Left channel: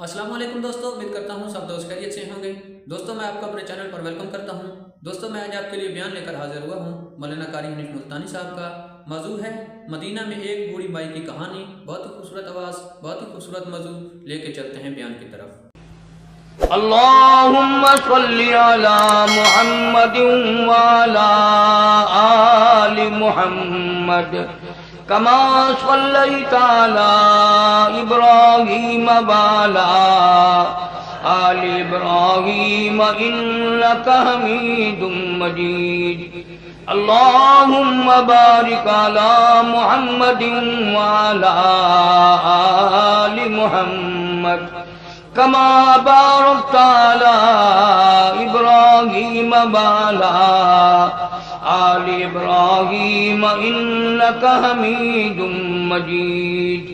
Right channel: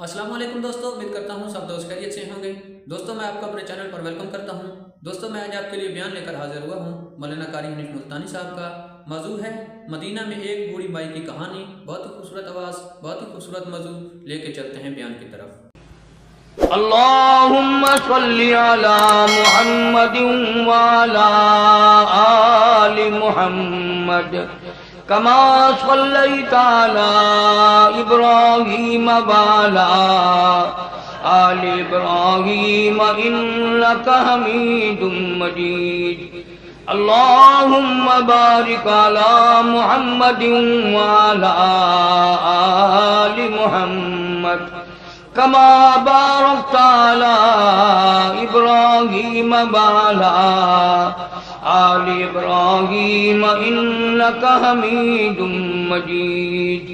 अस्सलाम वालेकुम दोस्तों, उम्मीद करता हूँ सब दोस्त खैरियत से होंगे। दोस्तों मैं आपको अपने चैनल पर वेलकम करता हूँ। दोस्तों मैं आज आपके लिए बयान लेकर हाजिर हुआ हूँ मौलाना कारी हनीफ मुल्तानी साहब का। मौजू है मदीना में एक बूढ़ी माई की कहानी। बहुत ही खूबसूरत आवाज़, बहुत ही खूबसूरत मौजू लेके चलते हैं बयान की तरफ। अल्लाहुम्मा सल्ली अला मुहम्मदिन व अला आलि मुहम्मद कमा सल्लैता अला इब्राहीम व अला आलि इब्राहीम इन्नका हमीदुम मजीद। अल्लाहुम्मा बारिक अला मुहम्मदिन व अला आलि मुहम्मद कमा बारकता अला इब्राहीम व अला आलि इब्राहीम इन्नका हमीदुम मजीद।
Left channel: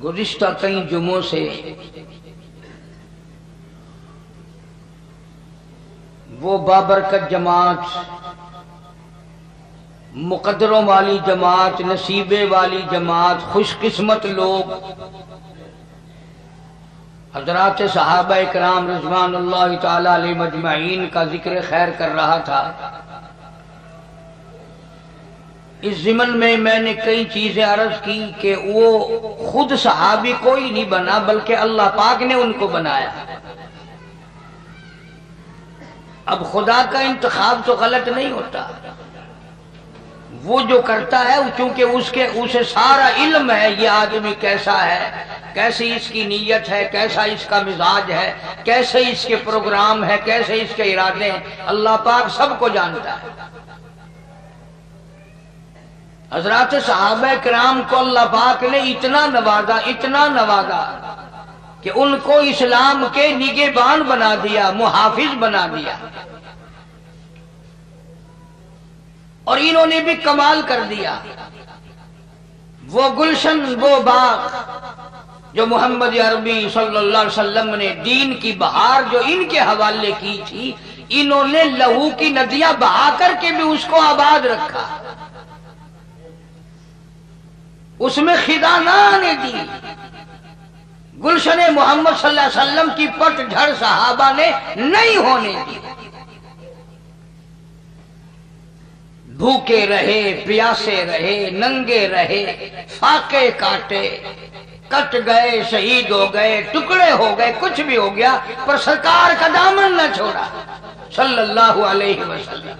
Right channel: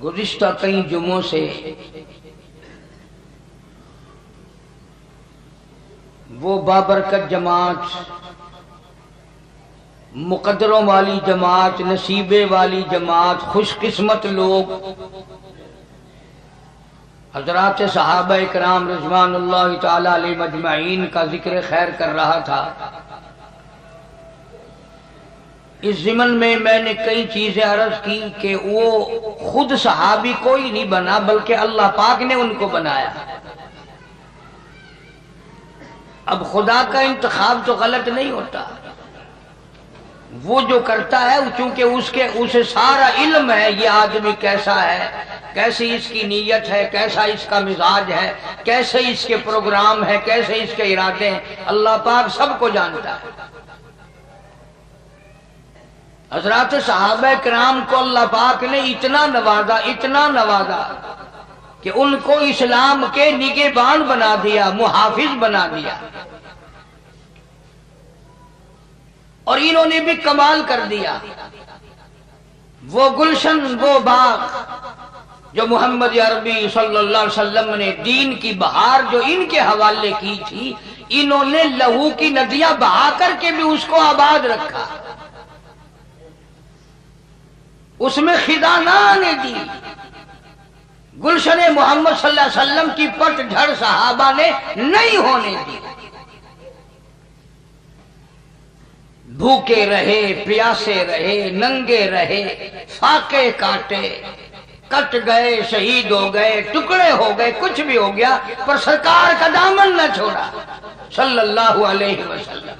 गुज़िश्ता कई जुमों से वो बाबरकत जमात, मुकद्दरों वाली जमात, नसीबे वाली जमात, खुशकिस्मत लोग हजरात सहाबा इकराम रिज़वानुल्लाह ताला अलैहिम अजमईन का जिक्र खैर कर रहा था। इस ज़िमन में मैंने कई चीज़ें अर्ज़ की कि वो खुद सहाबी कोई नहीं बना बल्कि अल्लाह पाक ने उनको बनाया। अब खुदा का इंतखाब तो गलत नहीं होता, वो जो करता है चूंकि उसे सारा इल्म है ये आदमी कैसा है, कैसी इसकी नीयत है, कैसा इसका मिजाज है, कैसे इसके प्रोग्राम है, कैसे इसके इरादे हैं, अल्लाह पाक सबको जानता है। हजरात सहाबा किराम को अल्लाह पाक ने इतना नवाजा कि उनको इस्लाम के निगहबान बना दिया, मुहाफिज बना दिया। और इन्होंने भी कमाल कर दिया। वो गुलशन, वो बाग जो मोहम्मद अरबी सल्लल्लाहु अलैहि वसल्लम ने दीन की बहार जो इनके हवाले की थी, इन्होंने लहू की नदियां बहा करके भी उसको आबाद रखा, उसमें खिदा ना आने दी। गुलशन मोहम्मद सल्लल्लाहु अलैहि वसल्लम की पतझड़ सहाबा ने नहीं होने दी। भूखे रहे, प्यासे रहे, नंगे रहे, फाके काटे, कट गए, शहीद हो गए, टुकड़े हो गए, कुछ भी हो गया, पर सरकार का दामन न छोड़ा सल्लल्लाहु अलैहि वसल्लम।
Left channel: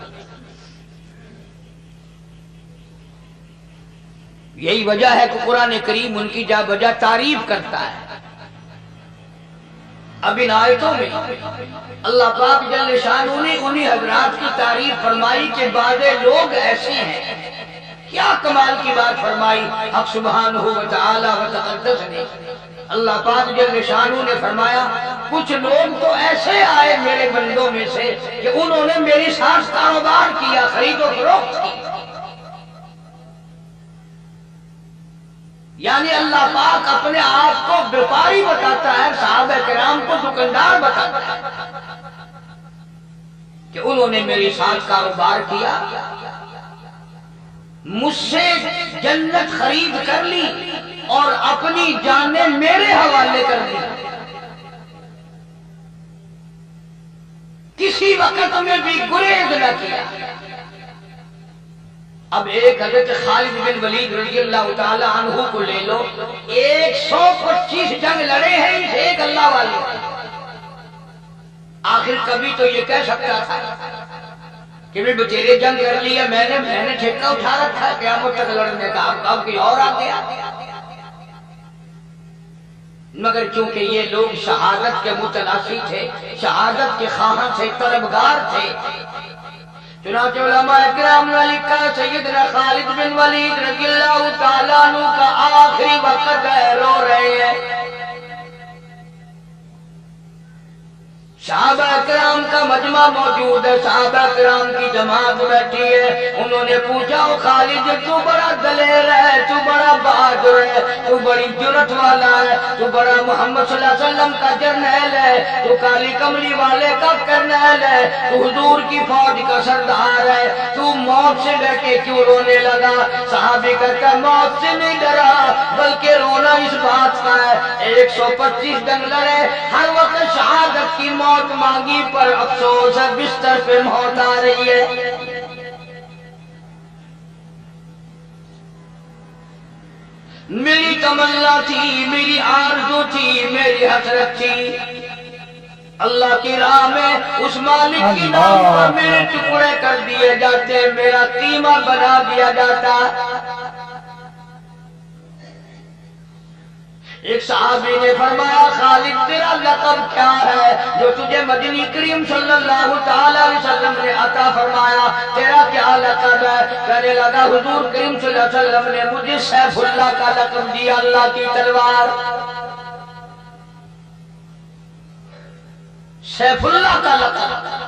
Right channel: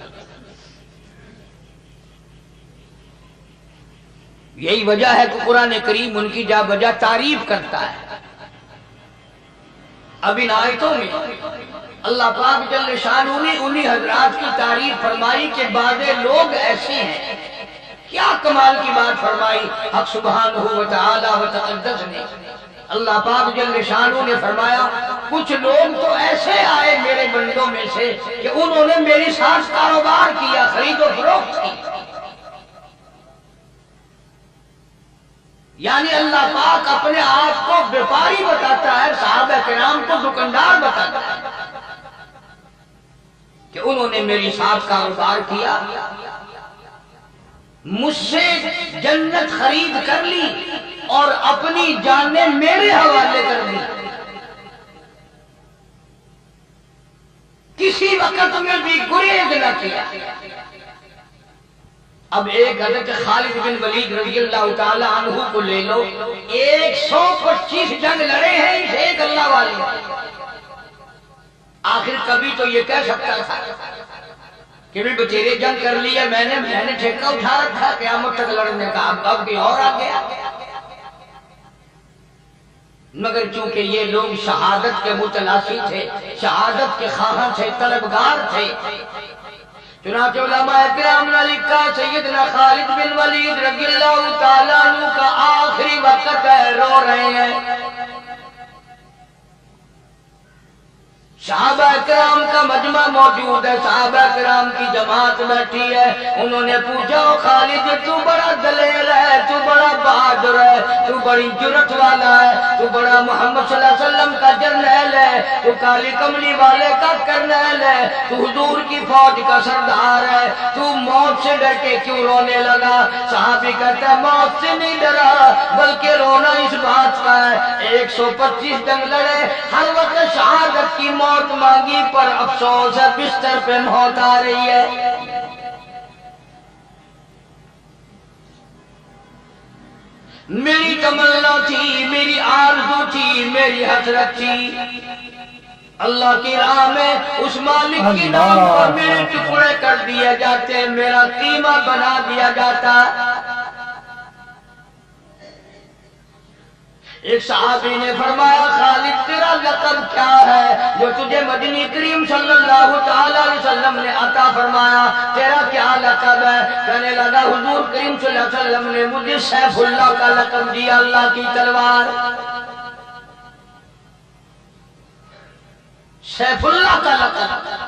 यही वजह है कि कुरान करीम उनकी जा बजा तारीफ करता है। अब इन आयतों में अल्लाह पाक जल्ले शानू ने उन्हीं हजरात की तारीफ फरमाई कि बाज़े लोग ऐसे हैं। क्या कमाल की बात फरमाई हक सुब्हानहू व तआला व तक़द्दस ने। अल्लाह पाक जल्ले शानू ने फरमाया कुछ लोग तो ऐसे आए मेरे बंदों में से कि उन्होंने मेरी साथ कारोबार किया, खरीदो फरोख्त की। यानी अल्लाह पाक अपने आप को व्यापारी बताता है, सहाबा किराम को दुकानदार बताता है कि उन्होंने मेरी साथ कारोबार किया, मुझसे जन्नत खरीद कर ली और अपनी जानें मेरे हवाले कर दी। किसी वक्त में भी गुरेज न किया। अब एक हजरत खालिद बिन वलीद रज़ियल्लाहु ताला अन्हु को ले लो, 125 जंग लड़े हैं इनसे एक अल्लाह वाले। आखिर कभी तो ये कह सकता था कि मैं बतेरे जंग कर लिया, मैंने ठेका उठा रखा क़यामत तक लड़ने का, अब कोई और आ गया। मगर चूंकि ये लोग शहादत के मुतलासी थे, शहादत के ख्वाहां थे, तलबगार थे, चुनांचे उलमाए किराम ने लिखा सैयदना खालिद बिन वलीद रज़ियल्लाहु ताला अन्हु का आखिरी वक्त है, रो रहे हैं। صحابہ کرام کا مجمع موجود ہے, صحابہ کرام کی جماعت بیٹھی ہے. انہوں نے پوچھا خالد تو بڑا دلیر ہے, تو بڑا بہادر ہے, تو بڑی جرت والا ہے, تو بڑا محمد صلی اللہ علیہ وسلم کا جرنیل ہے, تو کالی کملی والے کا کرنیل ہے, تو حضور کی فوج کا سردار ہے, تو موت سے ڈر کے کیوں رونے لگا؟ صحابی کہتا ہے موت سے نہیں ڈرا بلکہ رونا اس بات کا ہے 125 جنگ لڑے, ہر وقت شہادت کی موت مانگی پر افسوس ہے بستر پہ موت آ رہی ہے. میری تمنا تھی, میری آرزو تھی, میری حسرت تھی, اللہ کی راہ میں اس مالک کے نام پر میرے ٹکڑے کر دیے جاتے, میرا قیمہ بنا دیا جاتا. ایک صحابی نے فرمایا خالد تیرا لقب کیا ہے جو تجھے مدنی کریم صلی اللہ تعالی علیہ وسلم نے عطا فرمایا, تیرا کیا لقب ہے؟ کہنے لگا حضور کریم صلی اللہ علیہ وسلم نے مجھے سیف اللہ کا لقب دیا, اللہ کی تلوار. سیف اللہ کا لقب,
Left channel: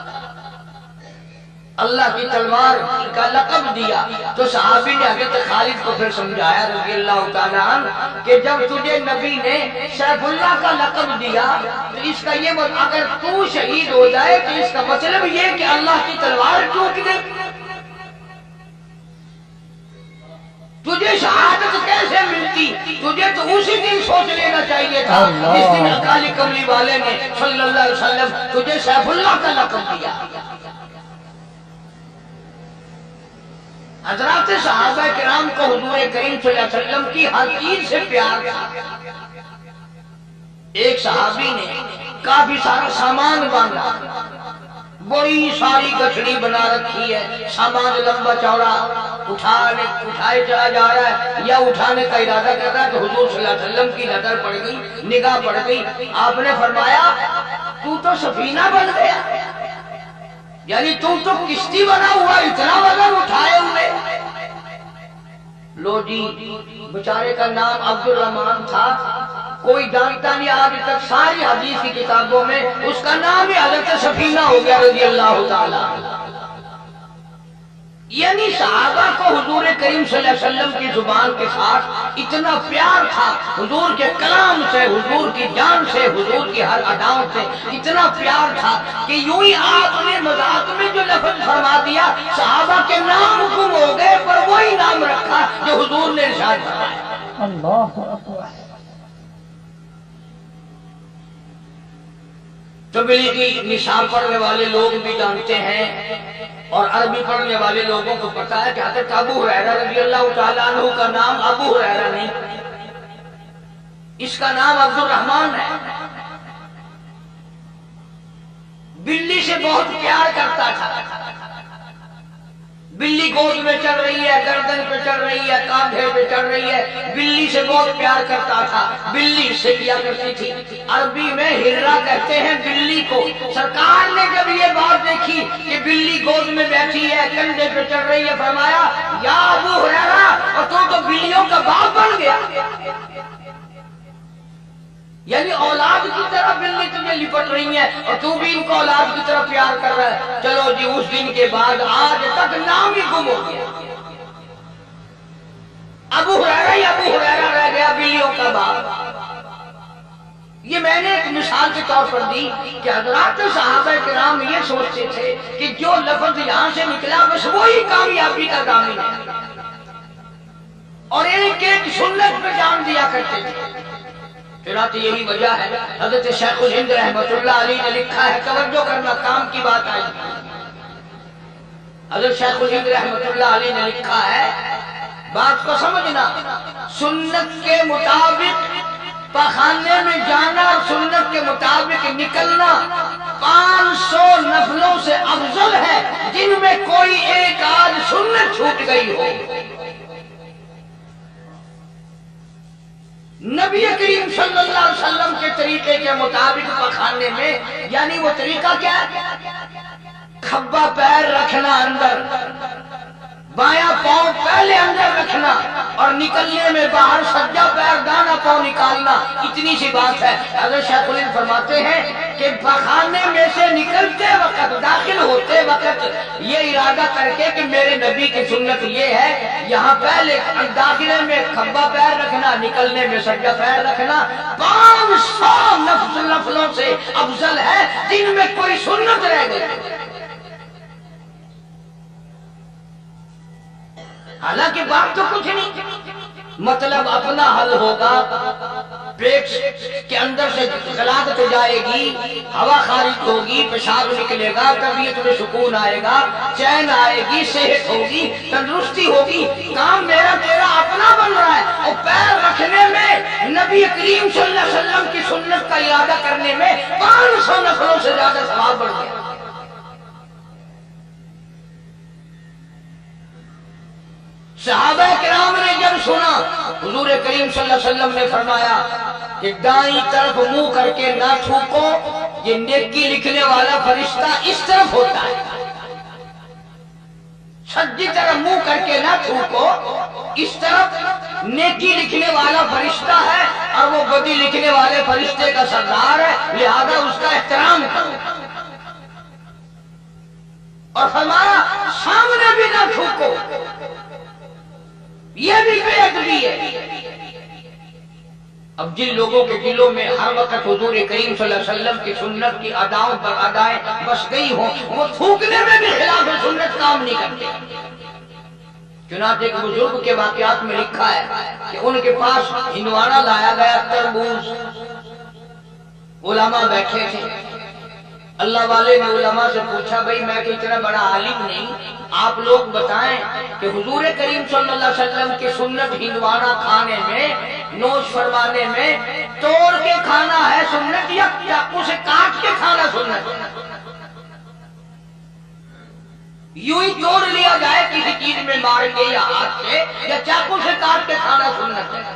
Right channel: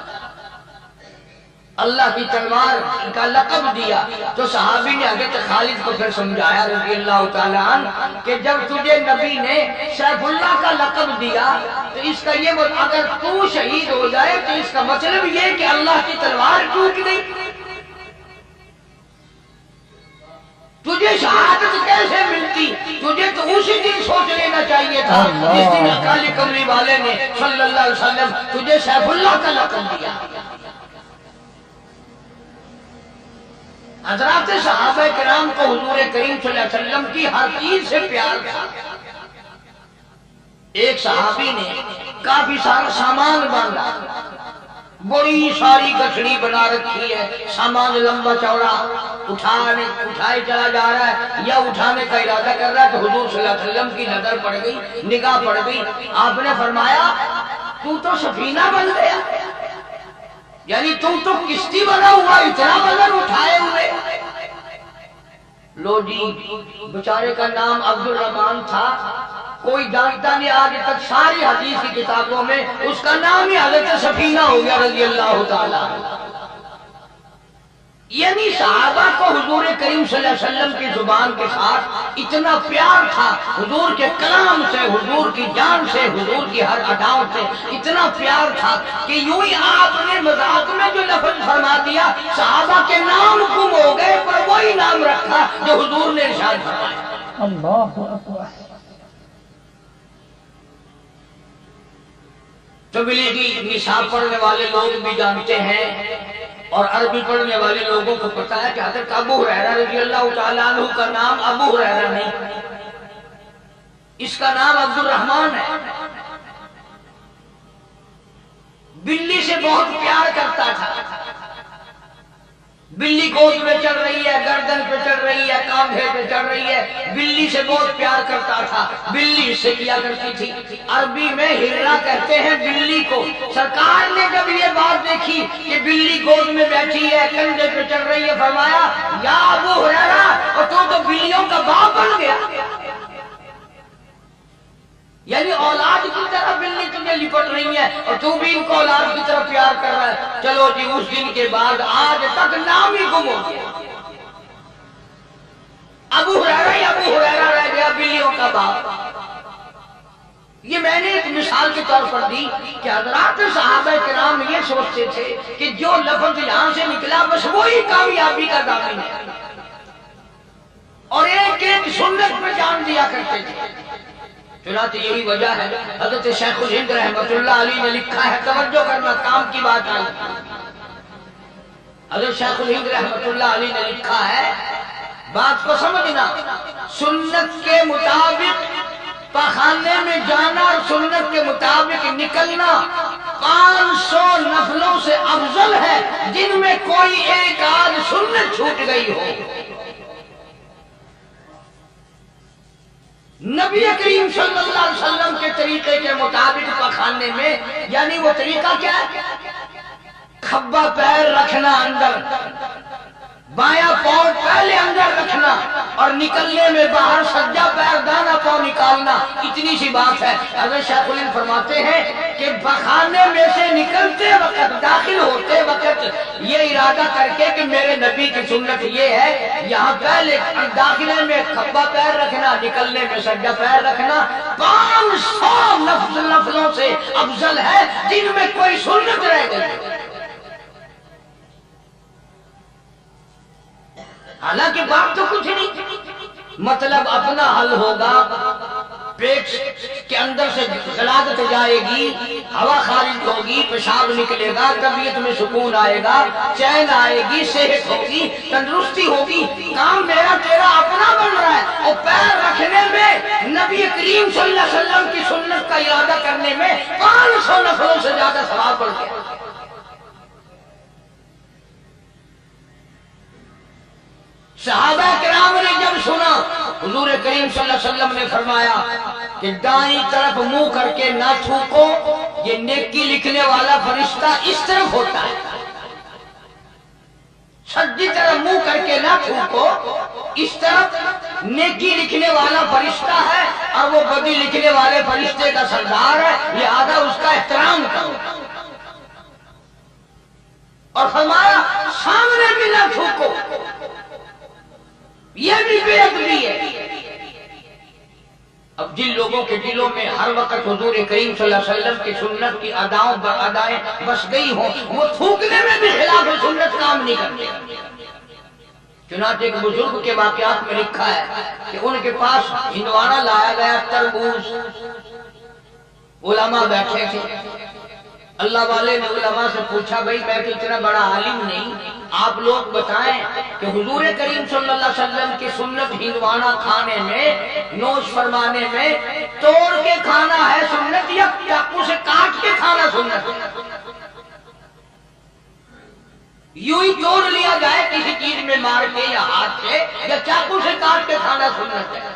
اللہ کی تلوار کا لقب دیا. تو صحابی نے حضرت خالد کو پھر سمجھایا رضی اللہ تعالیٰ عنہ کہ جب تجھے نبی نے سیف اللہ کا لقب دیا تو اس کا یہ اگر تو شہید ہو جائے تو اس کا مطلب یہ کہ اللہ کی تلوار ٹوٹ گئی. تجھے شہادت کیسے ملتی؟ تجھے تو اسی دن سوچ لینا چاہیے تھا جس دن کالی کملی والے نے صلی اللہ علیہ وسلم تجھے سیف اللہ کا لقب دیا. حضرات صحابہ کرام کو حضور کریم صلی اللہ علیہ وسلم کی ہر چیز سے پیار تھا. ایک صحابی نے کافی سارا سامان باندھا, بڑی ساری گٹھڑی بنا رکھی ہے, سامان لمبا چوڑا اٹھائے چلا جا رہا ہے یا اٹھانے کا ارادہ کر رہا ہے. تو حضور صلی اللہ علیہ وسلم کی نظر پڑ گئی, نگاہ پڑ گئی. آپ نے فرمایا تو سفینہ بن گیا, یعنی تو کشتی بنا ہوا, اتنا وزن اٹھائے ہوئے. لو جی, بیچارے کا نام عبد الرحمن تھا, کوئی جانتا نہیں آج تک, ساری حدیث کی کتابوں میں اس کا نام ہی حضرت سفینہ ہو گیا رضی اللہ تعالیٰ. یعنی صحابہ کو حضور کریم صلی اللہ علیہ وسلم کی زبان کے ساتھ اتنا پیار تھا, حضور کے کلام سے, حضور کی جان سے, حضور کی ہر اداؤں سے اتنا پیار تھا کہ یوں ہی آپ نے مذاق میں جو لفظ فرما دیا صحابہ کے نام گم ہو گئے پر وہی نام رکھا جو حضور نے ارشاد فرمایا. اللہ اکبر. تبلیغی نصاب پڑھنے والے لوگ بھی جانتے ہیں اور عربی پڑھنے والے لوگوں کو پتا ہے کہ حضرت ابو ہریرہ رضی اللہ تعالیٰ عنہ کا نام ابو ہریرہ نہیں, اس کا نام عبد الرحمن ہے. بلی سے بہت پیار کرتا تھا. بلی گود میں چڑھ رہی ہے, گردن پہ چڑھ رہی ہے, کاندھے پہ چڑھ رہی ہے, بلی سے بہت پیار کرتا تھا. بلی سے کیا کرتی تھی, عربی میں ہررا کہتے ہیں بلی کو. سرکار نے جب یہ بات دیکھی کہ بلی گود میں بیٹھی ہے, کندھے پہ چڑھ رہی ہے, فرمایا یا ابو ہریرہ, اور تو بلیوں کا باپ بن گیا. یعنی اولاد کی طرح بلی تجھے لپٹ رہی ہے اور تو بھی ان کو اولاد کی طرح پیار کر رہا ہے. چلو جی, اس دن کے بعد آج تک نام ہی گم ہو گیا. ابو ہریرہ ہی ابو ہریرہ رہ گیا, بلیوں کا باپ. یہ میں نے ایک مثال کے طور پر دی کہ حضرات صحابہ کرام یہ سوچتے تھے کہ جو لفظ یہاں سے نکلا بس وہی کامیابی کا ضامن ہے, اور ایک ایک سنت پہ جان دیا کرتے تھے. چنانچہ یہی وجہ ہے حضرت شیخ الہند رحمۃ اللہ علیہ نے لکھا ہے, توجہ کرنا, کام کی بات آئی. حضرت شیخ الہند رحمۃ اللہ علیہ نے لکھا ہے, بات کو سمجھنا, سنت کے مطابق پخانے میں جانا اور سنت کے مطابق نکلنا 500 نفلوں سے افضل ہے جن میں کوئی ایک آدھ سنت چھوٹ گئی ہو. نبی کریم صلی اللہ علیہ وسلم کے طریقے کے مطابق پخانے میں, یعنی وہ طریقہ کیا ہے, کھبا پیر رکھنا اندر, بایاں پاؤں پہلے اندر रखना और निकलने में बाहर सज्जा पैर दाना पाँव निकालना, इतनी सी बात है। हज़रत शेखुल हिंद फरमाते हैं कि खाने में से निकलते वक्त, दाखिल होते वक्त ये इरादा करके कि मेरे नबी की सुन्नत ये है, यहाँ पहले दाखिले में खब्बा पैर रखना, निकलने में सज्जा पैर रखना 500 नफलों से अफजल है जिनमें कोई सुन्नत रह गई। हालांकि बात तो कुछ नहीं, मतलब अपना हल होगा, पेट के अंदर से गलादत जाएगी, हवा खारिज होगी, पेशाब निकलेगा, तबीयत में सुकून आएगा, चैन आएगी, सेहत होगी, तंदुरुस्ती होगी। काम मेरा तेरा अपना बन रहा है और पैर रखने में नबी करीम सल्लल्लाहु अलैहि वसल्लम की सुन्नत का इरादा करने में 500 नफलों से ज्यादा सवाब बढ़ गया। सहाबा किराम ने जब सुना, हुजूर करीम सल्लल्लाहु अलैहि वसल्लम ने फरमाया कि दाईं तरफ मुंह करके ना थूको, ये नेकी लिखने वाला फरिश्ता इस तरफ होता है। सज्जी तरफ मुंह करके ना थूको, इस तरफ नेकी लिखने वाला फरिश्ता है और वो बदी लिखने वाले फरिश्ते का सरदार है, लिहाजा उसका एहतराम करो। और फरमाया सामने भी ना थूको, ये भी बेअदबी है। अब जिन लोगों के दिलों में हर वक्त हुजूर करीम सल्लल्लाहु अलैहि वसल्लम की सुन्नत की अदाएं बस गई हों, वो थूकने में भी खिलाफ सुन्नत काम नहीं करते। चुनांचे एक बुजुर्ग के वाकयात में लिखा है कि उनके पास हिंदवाना लाया गया तरबूज, उलमा बैठे थे। अल्लाह वाले ने उलमा से पूछा, भाई मैं तो इतना बड़ा आलिम नहीं, आप लोग बताएं कि हुजूर करीम सल्लल्लाहु अलैहि वसल्लम की सुन्नत हिंदवाना खाने में, नोश फरमाने में तोड़ के खाना है सुन्नत या चाकू से काट के खाना सुन्नत है? यूं ही तोड़ लिया जाए किसी चीज में मार के या हाथ से, या चाकू से काट के खाना सुन्नत है?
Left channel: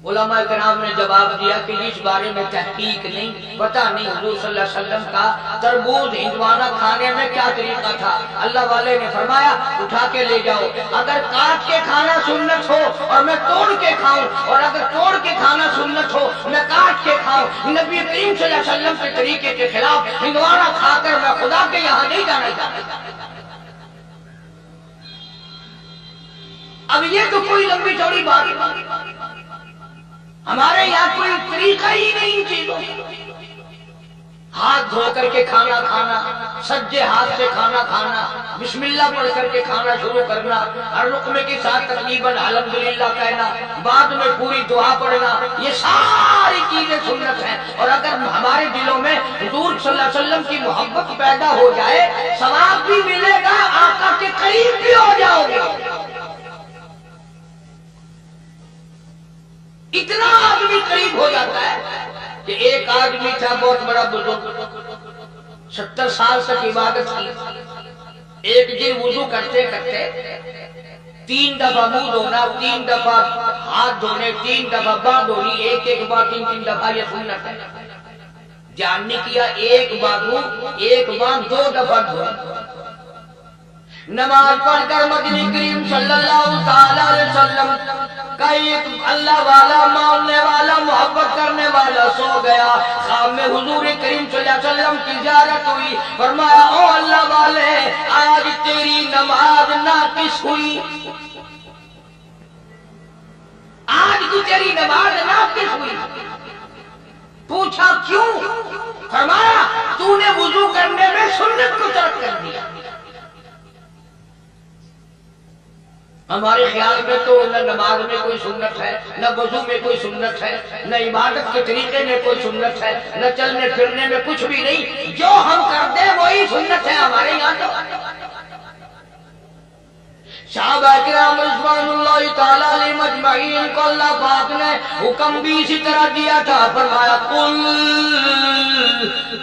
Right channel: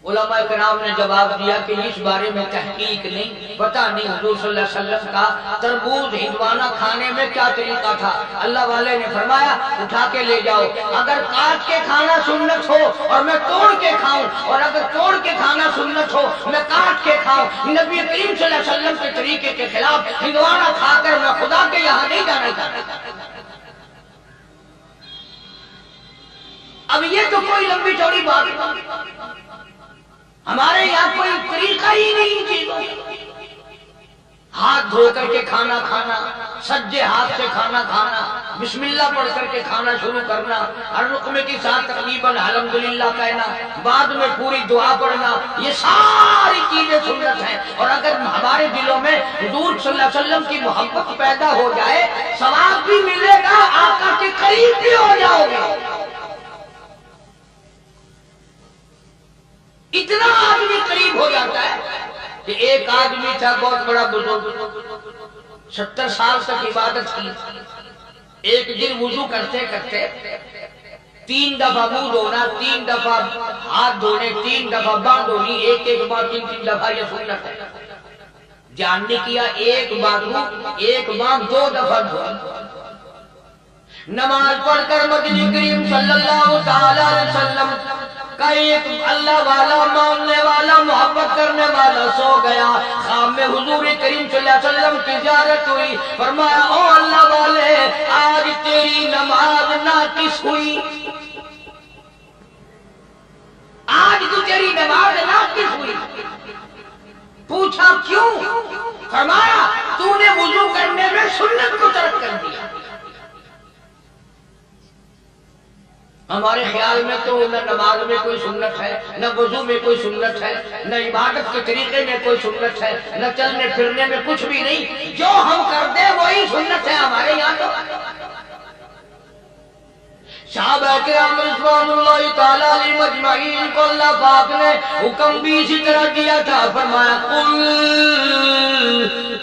उलमा किराम ने जवाब दिया कि इस बारे में तहकीक नहीं, पता नहीं हुजूर सल्लल्लाहु अलैहि वसल्लम का तरबूज हिंदवाना खाने में क्या तरीका था। अल्लाह वाले ने फरमाया उठा के ले जाओ, अगर काट के खाना सुन्नत हो और मैं तोड़ के खाऊं, और अगर तोड़ के खाना सुन्नत हो मैं काट के खाऊं, नबी करीम सल्लल्लाहु अलैहि वसल्लम के तरीके के खिलाफ हिंदवाना खाकर मैं खुदा के यहाँ नहीं जाना चाहता। अब ये तो कोई लंबी चौड़ी बात है, हमारे यहाँ कोई तरीका ही नहीं चीजों। हाथ धो करके खाना खाना, सज्जे हाथ से खाना खाना, बिस्मिल्लाह पढ़ करके खाना शुरू करना, हर रुकमे के साथ तकरीबन अल्हम्दुलिल्लाह कहना, बाद में पूरी दुआ पढ़ना, ये सारी चीजें सुन्नत हैं। और अगर हमारे दिलों में हुजूर सल्लल्लाहु अलैहि वसल्लम की मोहब्बत पैदा हो जाए, सवाब भी मिलेगा, आका के करीब भी हो जाओगे। इतना आदमी करीब हो जाता है कि एक आदमी था बहुत बड़ा बुजुर्ग, 70 साल तक इबादत की। एक दिन वुजू करते करते 3 दफा मुंह धोना, 3 दफा हाथ धोने, 3 दफा बांह धोनी, एक बार 3 दफा, यह सुन्नत है। ध्यान नहीं किया, एक बाजू एक बांह 2 दफा धोनी। नमाज पढ़कर मदनी करीम सल्लल्लाहु अलैहि वसल्लम का एक अल्लाह वाला, मानने वाला, मोहब्बत करने वाला सो गया। ख्वाब में हुजूर करीम सल्लल्लाहु अलैहि वसल्लम की ज़ियारत हुई। फरमाया, ओ अल्लाह वाले, आज तेरी नमाज नाकिस हुई, आज तो तेरी नमाज नाकिस हुई। पूछा क्यों? फरमाया, तूने वुजू करने में सुन्नत को तर्क कर दिया। हमारे ख्याल में तो न नमाज में कोई सुन्नत है, न वजू में कोई सुन्नत है, न इबादत के तरीके में कोई सुन्नत है, न चलने फिरने में कुछ भी नहीं। जो हम कर दे वही सुन्नत है हमारे यहाँ। तो सहाबा किराम रिज़वानुल्लाहि ताला अलैहिम अजमईन को अल्लाह पाक ने हुक्म भी इसी तरह दिया था। फरमाया,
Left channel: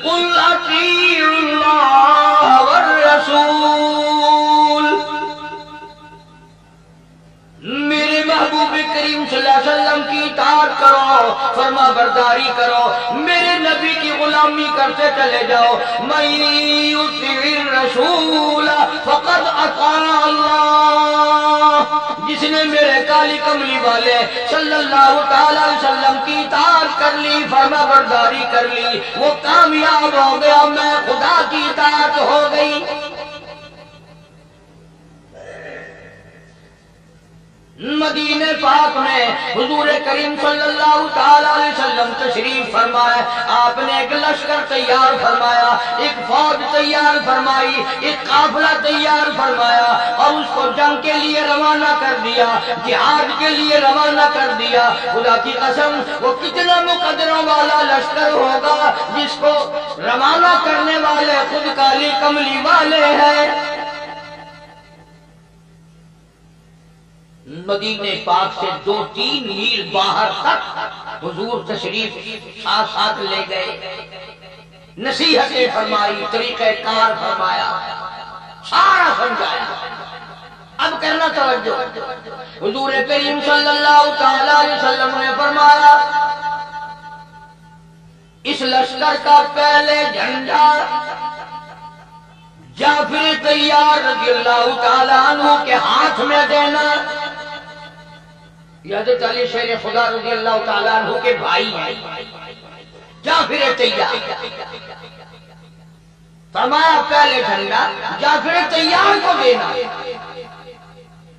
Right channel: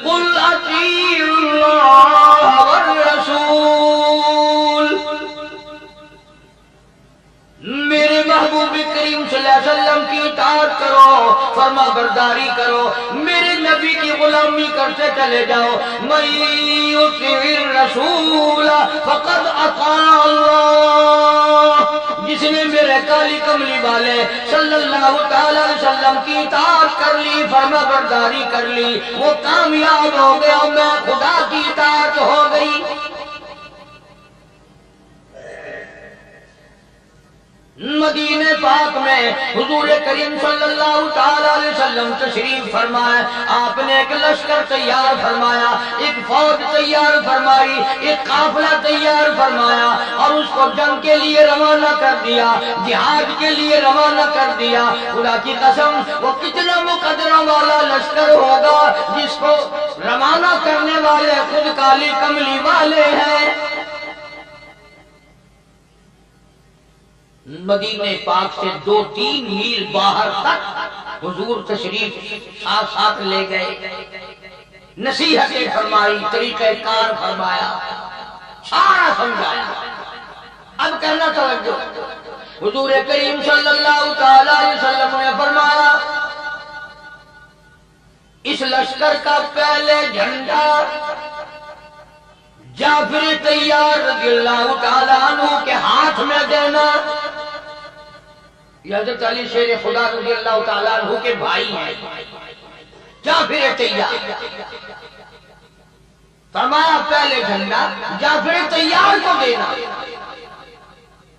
कुल अतीउल्लाह वर रसूल, मेरे महबूब करीम सल्लल्लाहु अलैहि वसल्लम की इताअत करो, फरमा बरदारी करो, मेरे नबी की गुलामी करते चले जाओ। मैं युतीर रसूल फक़द अता अल्लाह, जिसने मेरे काली कमली वाले सल्लल्लाहु ताला अलैहि वसल्लम की इताअत कर ली, फरमाबरदारी कर ली, वो कामयाब हो गया, मैं खुदा की इताअत हो गई। मदीने पाक में हुजूर करीम सल्लल्लाहु ताला अलैहि वसल्लम तशरीफ फरमाया। आपने एक लश्कर तैयार फरमाया, एक फौज तैयार फरमाई, एक काफिला तैयार फरमाया और उसको जंग के लिए रवाना कर दिया, जिहाद के लिए रवाना कर दिया। खुदा की कसम वो कितना मुकद्दरा वाला लश्कर होगा जिसको रवाना करने वाले खुद काली कमली वाले हैं। मदीने पाक से 2-3 मील बाहर तक हुजूर तशरीफ साथ साथ ले गए, नसीहतें फरमाई, तरीक़े कार फरमाया, सारा समझाया। अब करना तवज्जो, हुजूर करीम सल्लल्लाहु ताला अलैहि वसल्लम ने फरमाया, इस लश्कर का पहले झंडा जाफर तैयार रज़ियल्लाहु ताला अन्हु के हाथ में देना। हज़रत अली शेर खुदा रज़ियल्लाहु ताला अन्हु के भाई हैं, जाफर तैयार। फरमाया पहले झंडा जाफर तैयार को देना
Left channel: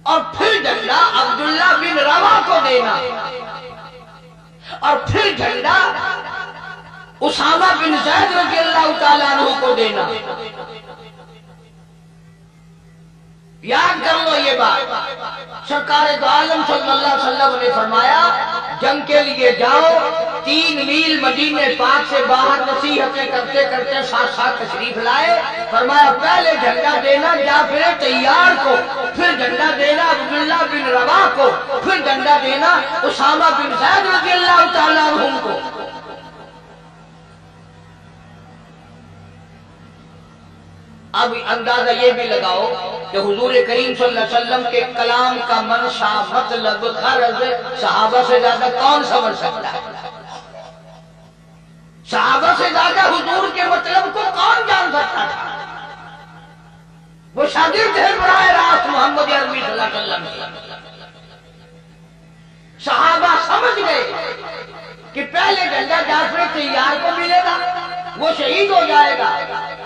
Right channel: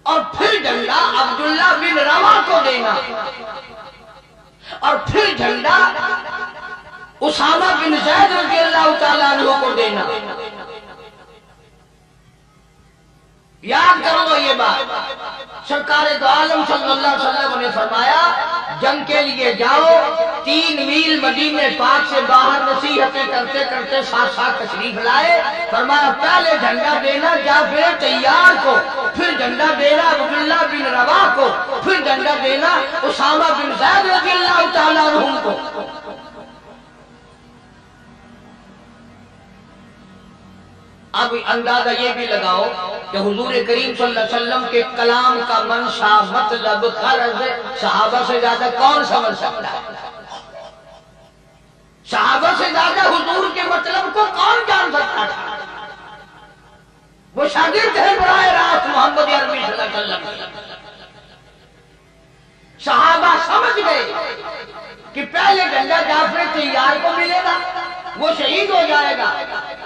और फिर झंडा अब्दुल्ला बिन रवा को देना और फिर झंडा उसामा बिन ज़ैद रज़ियल्लाहु ताला अन्हु को देना। याद कर लो ये बात, सरकार दो आलम सल्लल्लाहु अलैहि वसल्लम ने फरमाया, जंग के लिए जाओ, 3 मील मदीने पाक से बाहर नसीहतें करते करते साथ साथ तशरीफ लाए। फरमाया पहले झंडा देना जाफर तैयार को, फिर झंडा देना अब्दुल्ला बिन रवा को, फिर झंडा देना उसामा बिन ज़ैद रज़ियल्लाहु ताला अन्हुम को। अब अंदाजा ये भी लगाओ कि हुजूर करीम सल्लल्लाहु अलैहि वसल्लम के कलाम का मंशा, मतलब, गरज सहाबा से ज्यादा कौन समझ सकता है? सहाबा से ज्यादा हुजूर के मतलब को कौन जान सकता था? वो शागिर्द है बराए रास्त मोहम्मद अरबी सल्लल्लाहु अलैहि वसल्लम के। सहाबा समझ गए कि पहले झंडा जाफर तैयार को मिलेगा, वो शहीद हो जाएगा,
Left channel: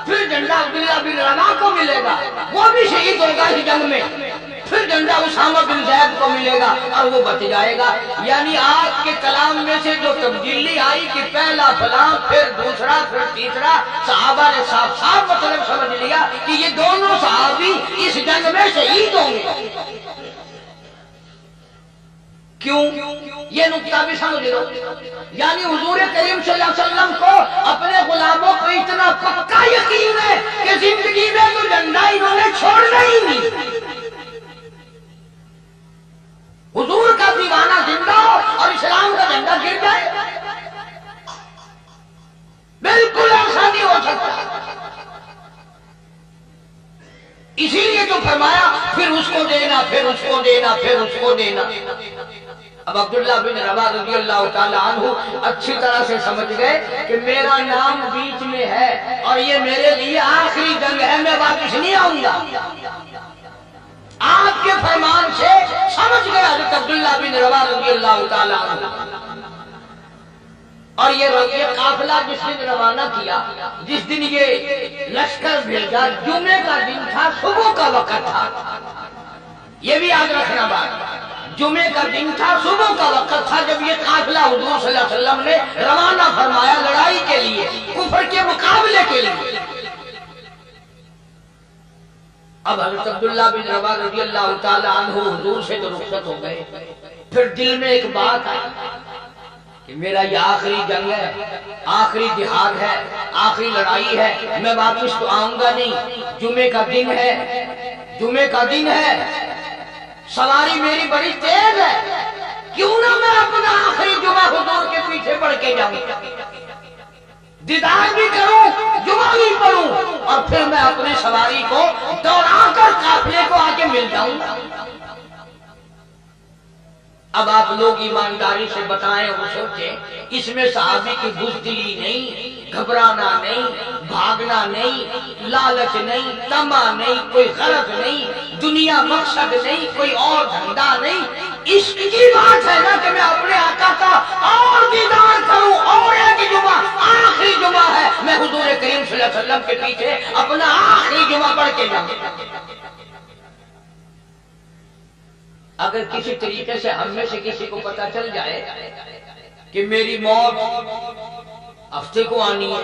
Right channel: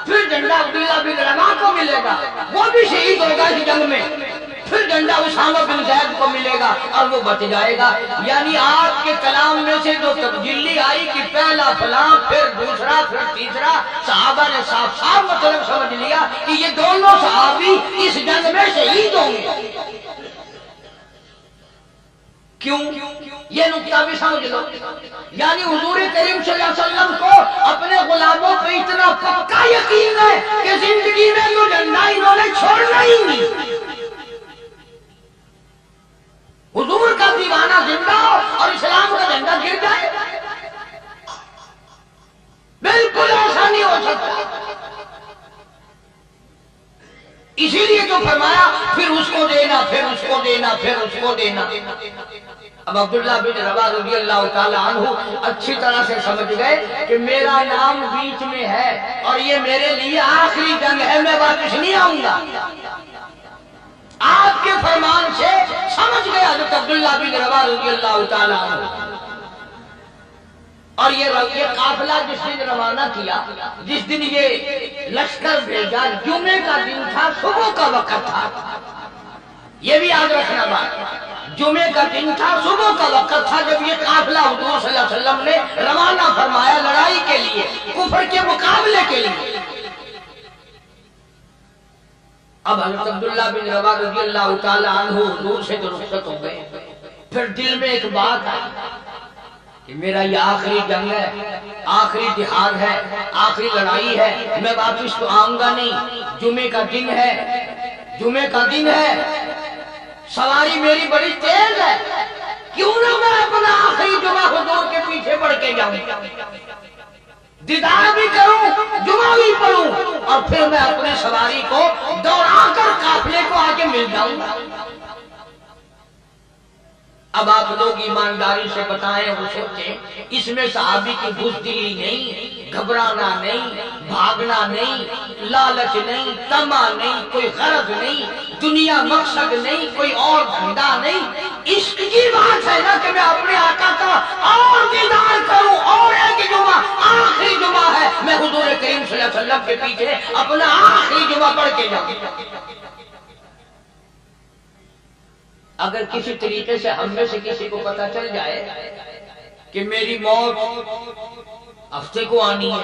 फिर झंडा अब्दुल्ला बिन रवा को मिलेगा, वो भी शहीद होगा इस जंग में, फिर झंडा उसामा बिन ज़ैद को मिलेगा और वो बच जाएगा। यानी आपके कलाम में से जो तब्दीली आई कि पहला फलां, फिर दूसरा, फिर तीसरा, सहाबा ने साफ साफ मतलब समझ लिया कि ये दोनों सहाबी इस जंग में शहीद होंगे। क्यों? ये नुक्ता भी समझ लो। यानी हुजूर करीम सल्लल्लाहु अलैहि वसल्लम को अपने गुलामों पे इतना पक्का यकीन है कि जिंदगी में तो झंडा इन्होंने छोड़ना ही नहीं। हुजूर का दीवाना जिंदा हो और इस्लाम का झंडा गिर जाए, बिल्कुल ऐसा नहीं हो सकता। इसीलिए तो फरमाया फिर उसको देना, फिर उसको देना, फिर उसको देना। अब अब्दुल्ला बिन रवा रज़ियल्लाहु ताला अन्हु अच्छी तरह से समझ गए कि मेरा नाम बीच में है और ये मेरे लिए आखिरी जंग है, मैं वापस नहीं आऊंगा। आपके फरमान से समझ गया हज़रत अब्दुल्ला बिन रवा रज़ियल्लाहु ताला अन्हु। और ये काफिला जिस दिन रवाना किया, जिस दिन ये लश्कर भेजा, जुमे का दिन था, सुबह का वक्त था। ये भी याद रखना बात, जुमे का दिन था, सुबह का वक्त था जब ये काफिला हुजूर सल्लल्लाहु अलैहि वसल्लम ने रवाना फरमाया लड़ाई के लिए, कुफर के मुकाबले के लिए। अब हज़रत अब्दुल्ला बिन रवा रज़ियल्लाहु ताला अन्हु हुजूर से तो रुखसत हो गए। फिर दिल में एक बात आई कि मेरा ये आखिरी जंग है, आखिरी जिहाद है, आखिरी लड़ाई है, मैं वापस तो आऊंगा नहीं। जुमे का दिन है, जुमे का दिन है, सवारी मेरी बड़ी तेज है, क्यों ना मैं अपना आखिरी जुमा हुजूर के पीछे बढ़ के जाऊं, दीदार भी करूं, जुमा भी पढ़ूं और फिर मैं अपनी सवारी को दौड़ाकर काफिले को आके मिल जाऊंगा। اب آپ لوگ ایمانداری سے بتائیں اور سوچیں، اس میں صحابی کی بزدلی نہیں، گھبرانا نہیں، بھاگنا نہیں، لالچ نہیں، طمع نہیں، کوئی غرض نہیں، دنیا مقصد نہیں، کوئی اور دھندا نہیں، عشق کی بات ہے نا کہ میں اپنے آقا کا اور دیدار کروں، اور ایک جمعہ آخری جمعہ ہے میں حضور کریم صلی اللہ علیہ وسلم کے پیچھے اپنا آخری جمعہ پڑھ کے جاؤں۔ اگر کسی طریقے سے ہم میں سے کسی کو پتہ چل جائے کہ میری موت ہفتے کو آنی ہے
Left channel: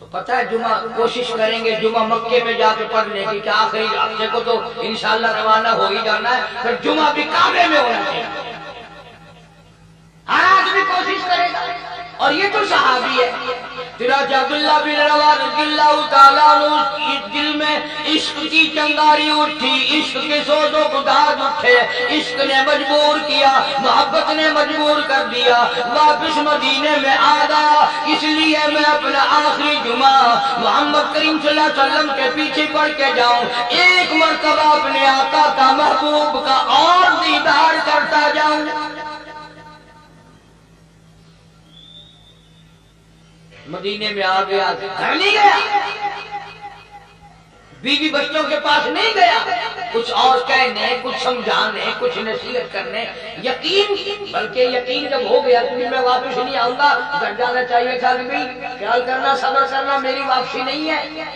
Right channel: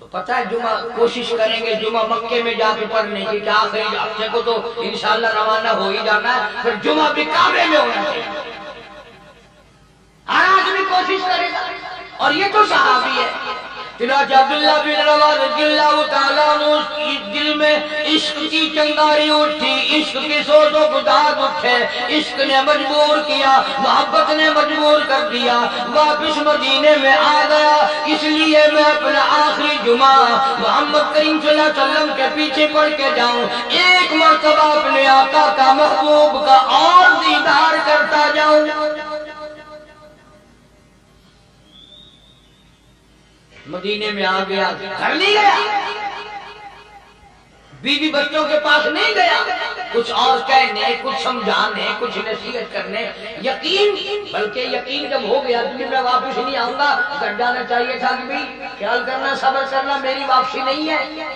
تو پتہ ہے جمعہ کوشش کریں گے جمعہ مکے میں جا کے پڑھنے کی، کہ آخری ہفتے کو تو انشاءاللہ روانہ ہو ہی جانا ہے، پھر جمعہ بھی کعبے میں ہونا چاہیے، ہر آدمی کوشش کرے گا۔ اور یہ تو صحابی ہے۔ چنانچہ عبداللہ بن رواحہ رضی اللہ تعالیٰ عنہ دل میں عشق کی چنگاری اٹھی، عشق کے سوز و گداز اٹھے، عشق نے مجبور کیا، محبت نے مجبور کر دیا، واپس مدینے میں آ گیا، اس لیے میں اپنا آخری جمعہ محمد کریم صلی اللہ علیہ وسلم کے پیچھے پڑھ کے جاؤں، ایک مرتبہ اپنے آقا کا محبوب کا اور دیدار کرتا جاؤں۔ مدینے میں آ گیا، گھر نہیں گیا، بیوی بچوں کے پاس نہیں گیا، کچھ اور کہنے، کچھ سمجھانے، کچھ نصیحت کرنے، یقین، بلکہ یقین جب ہو گیا کہ میں واپس نہیں آؤں گا، گھر جانا چاہیے تھا کہ بھی خیال کرنا، صبر کرنا، میری واپسی نہیں ہے۔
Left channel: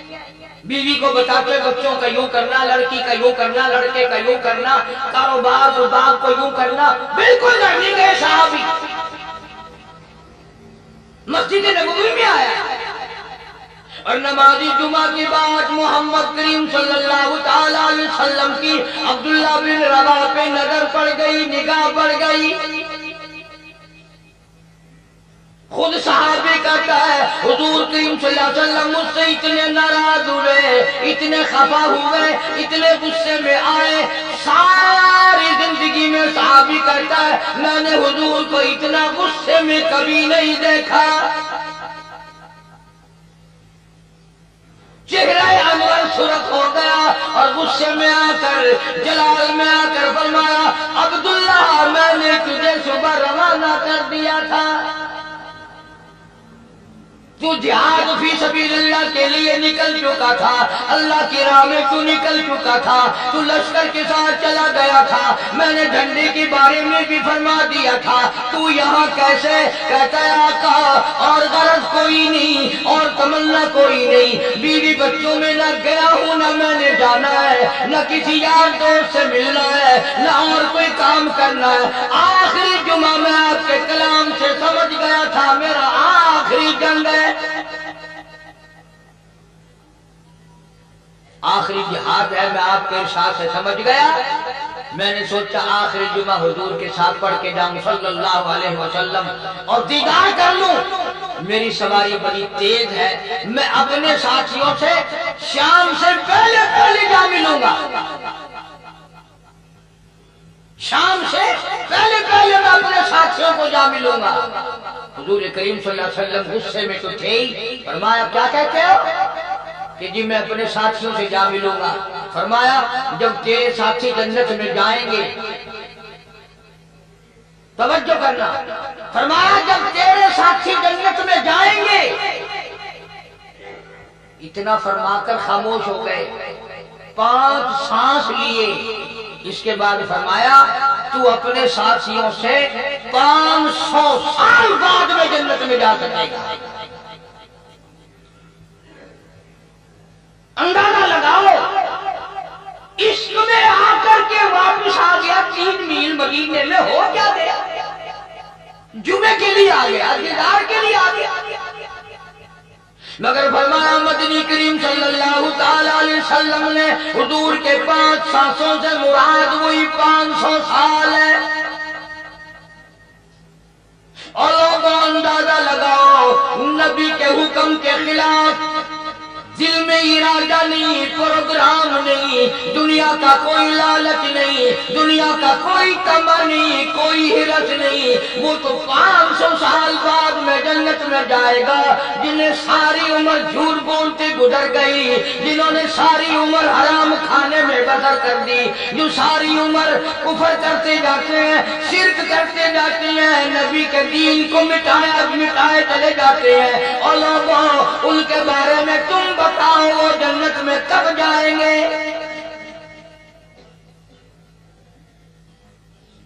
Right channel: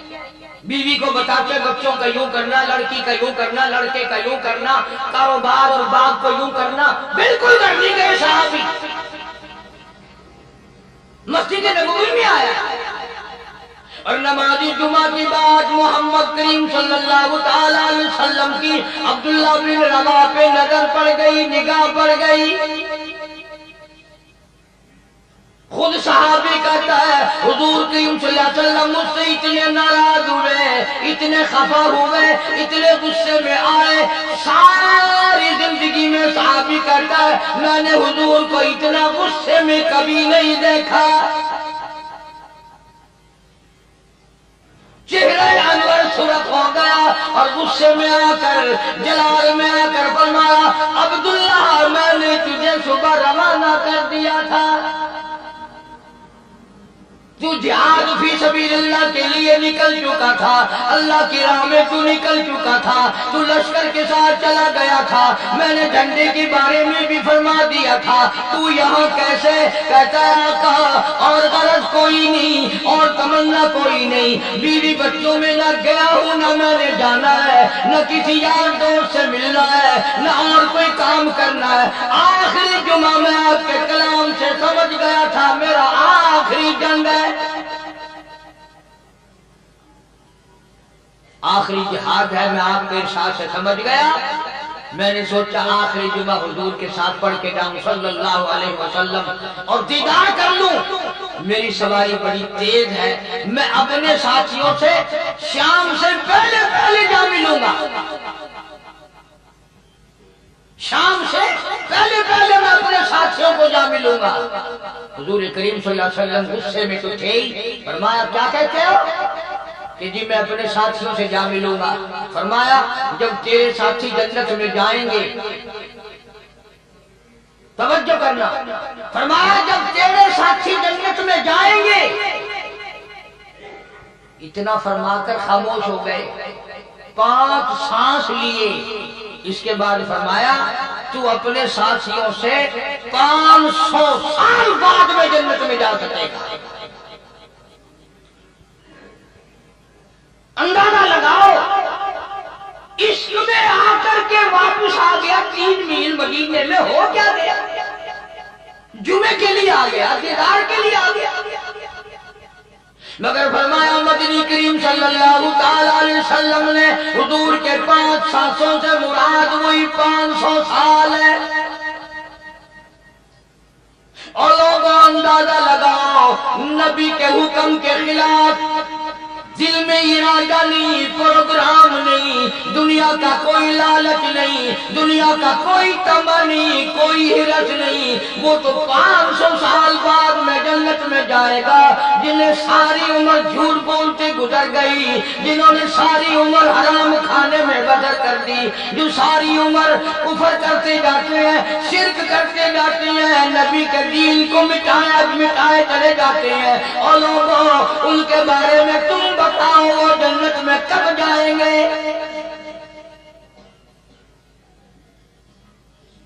بیوی کو بتاتے بچوں کا یوں کرنا، لڑکی کا یوں کرنا، لڑکے کا یوں کرنا، کاروبار اور باغ کو یوں کرنا، بالکل گھر نہیں گئے صحابی، مسجد نبوی میں آیا اور نمازی جمعہ کی بات محمد کریم صلی اللہ تعالی علیہ وسلم کی عبداللہ بن رواحہ پہ نظر پڑ گئی، نگاہ پڑ گئی۔ خود صحابی کہتا ہے حضور کریم صلی اللہ علیہ وسلم مجھ سے اتنے ناراض ہوئے، اتنے خفا ہوئے، اتنے غصے میں آئے، ساری زندگی میں صحابی کہتا ہے میں نے حضور کو اتنا غصے میں کبھی نہیں دیکھا۔ چہرہ انور سرخ ہو گیا اور غصے میں آ کر، جلال میں آ کر فرمایا عبداللہ میں نے تجھے صبح روانہ کر دیا تھا، تو جہاد فی سبیل اللہ کے لیے نکل چکا تھا، اللہ کی راہ میں تو نکل چکا تھا، تو لشکر کے ساتھ چلا گیا تھا، میں نے جھنڈے کے بارے میں بھی فرما دیا تھا، تو یہاں کیسے؟ کہتا ہے آقا اور غرض کوئی نہیں اور تمنا کوئی نہیں، بیوی بچوں میں نہ گیا ہوں، نہ میں نے جانا ہے، نہ کسی یار دوست سے ملنا ہے، نہ اور کوئی کام کرنا ہے، آخری جمعہ میں آپ کے کلام سے سمجھ گیا تھا میرا آخری جنگ ہے، آخری جہاد ہے، میں آپ کے ارشاد سے سمجھ گیا، میں نے سوچا آخری جمعہ حضور کے ساتھ پڑھ کے جاؤں صلی اللہ علیہ وسلم اور دیدار کر لوں۔ میری سواری بڑی تیز ہے، میں اپنے ساتھیوں سے شام سے پہلے جا ملوں گا، شام سے پہلے میں اپنے ساتھیوں کو جا ملوں گا۔ حضور کریم صلی اللہ علیہ وسلم غصے میں تو تھے ہی، فرمایا کیا کہتے ہو؟ کہ جی میں اپنے ساتھیوں سے جا ملوں گا۔ فرمایا جب تیرے ساتھی جنت میں جائیں گے، توجہ کرنا، فرمایا جب تیرے ساتھی جنت میں جائیں گے، اتنا فرما کر خاموش ہو گئے، 5 سانس لیے، اس کے بعد فرمایا تو اپنے ساتھیوں سے 500 سال بعد میں جنت میں جا سکے گا۔ اندازہ لگاؤ، عشق میں آ کر کے واپس آ گیا، 3 میل مدینے میں ہو کیا گیا، جمعے کے لیے آ گیا، دیدار کے لیے آ گیا، مگر فرمایا مدنی کریم صلی اللہ تعالی علیہ وسلم نے حضور کے 5 سانسوں سے مراد وہی 500 سال ہے۔ اور لوگوں اندازہ لگاؤ، نبی کے حکم کے خلاف दिल में इरादा नहीं, प्रोग्राम नहीं, दुनिया का कोई लालच नहीं, दुनिया का कोई तमा नहीं, कोई हिरस नहीं। वो तो 500 साल बाद में जन्नत में जाएगा जिन्हें सारी उम्र झूठ बोलते गुजर गई, जिन्होंने सारी उम्र हराम खाने में बसर कर दी, जो सारी उम्र कुफर करते जाते हैं, शिर्क करते जाते हैं, नबी के दीन को मिटाए चले जाते हैं। और लोगों, उनके बारे में तुम बताओ वो जन्नत में कब जाएंगे?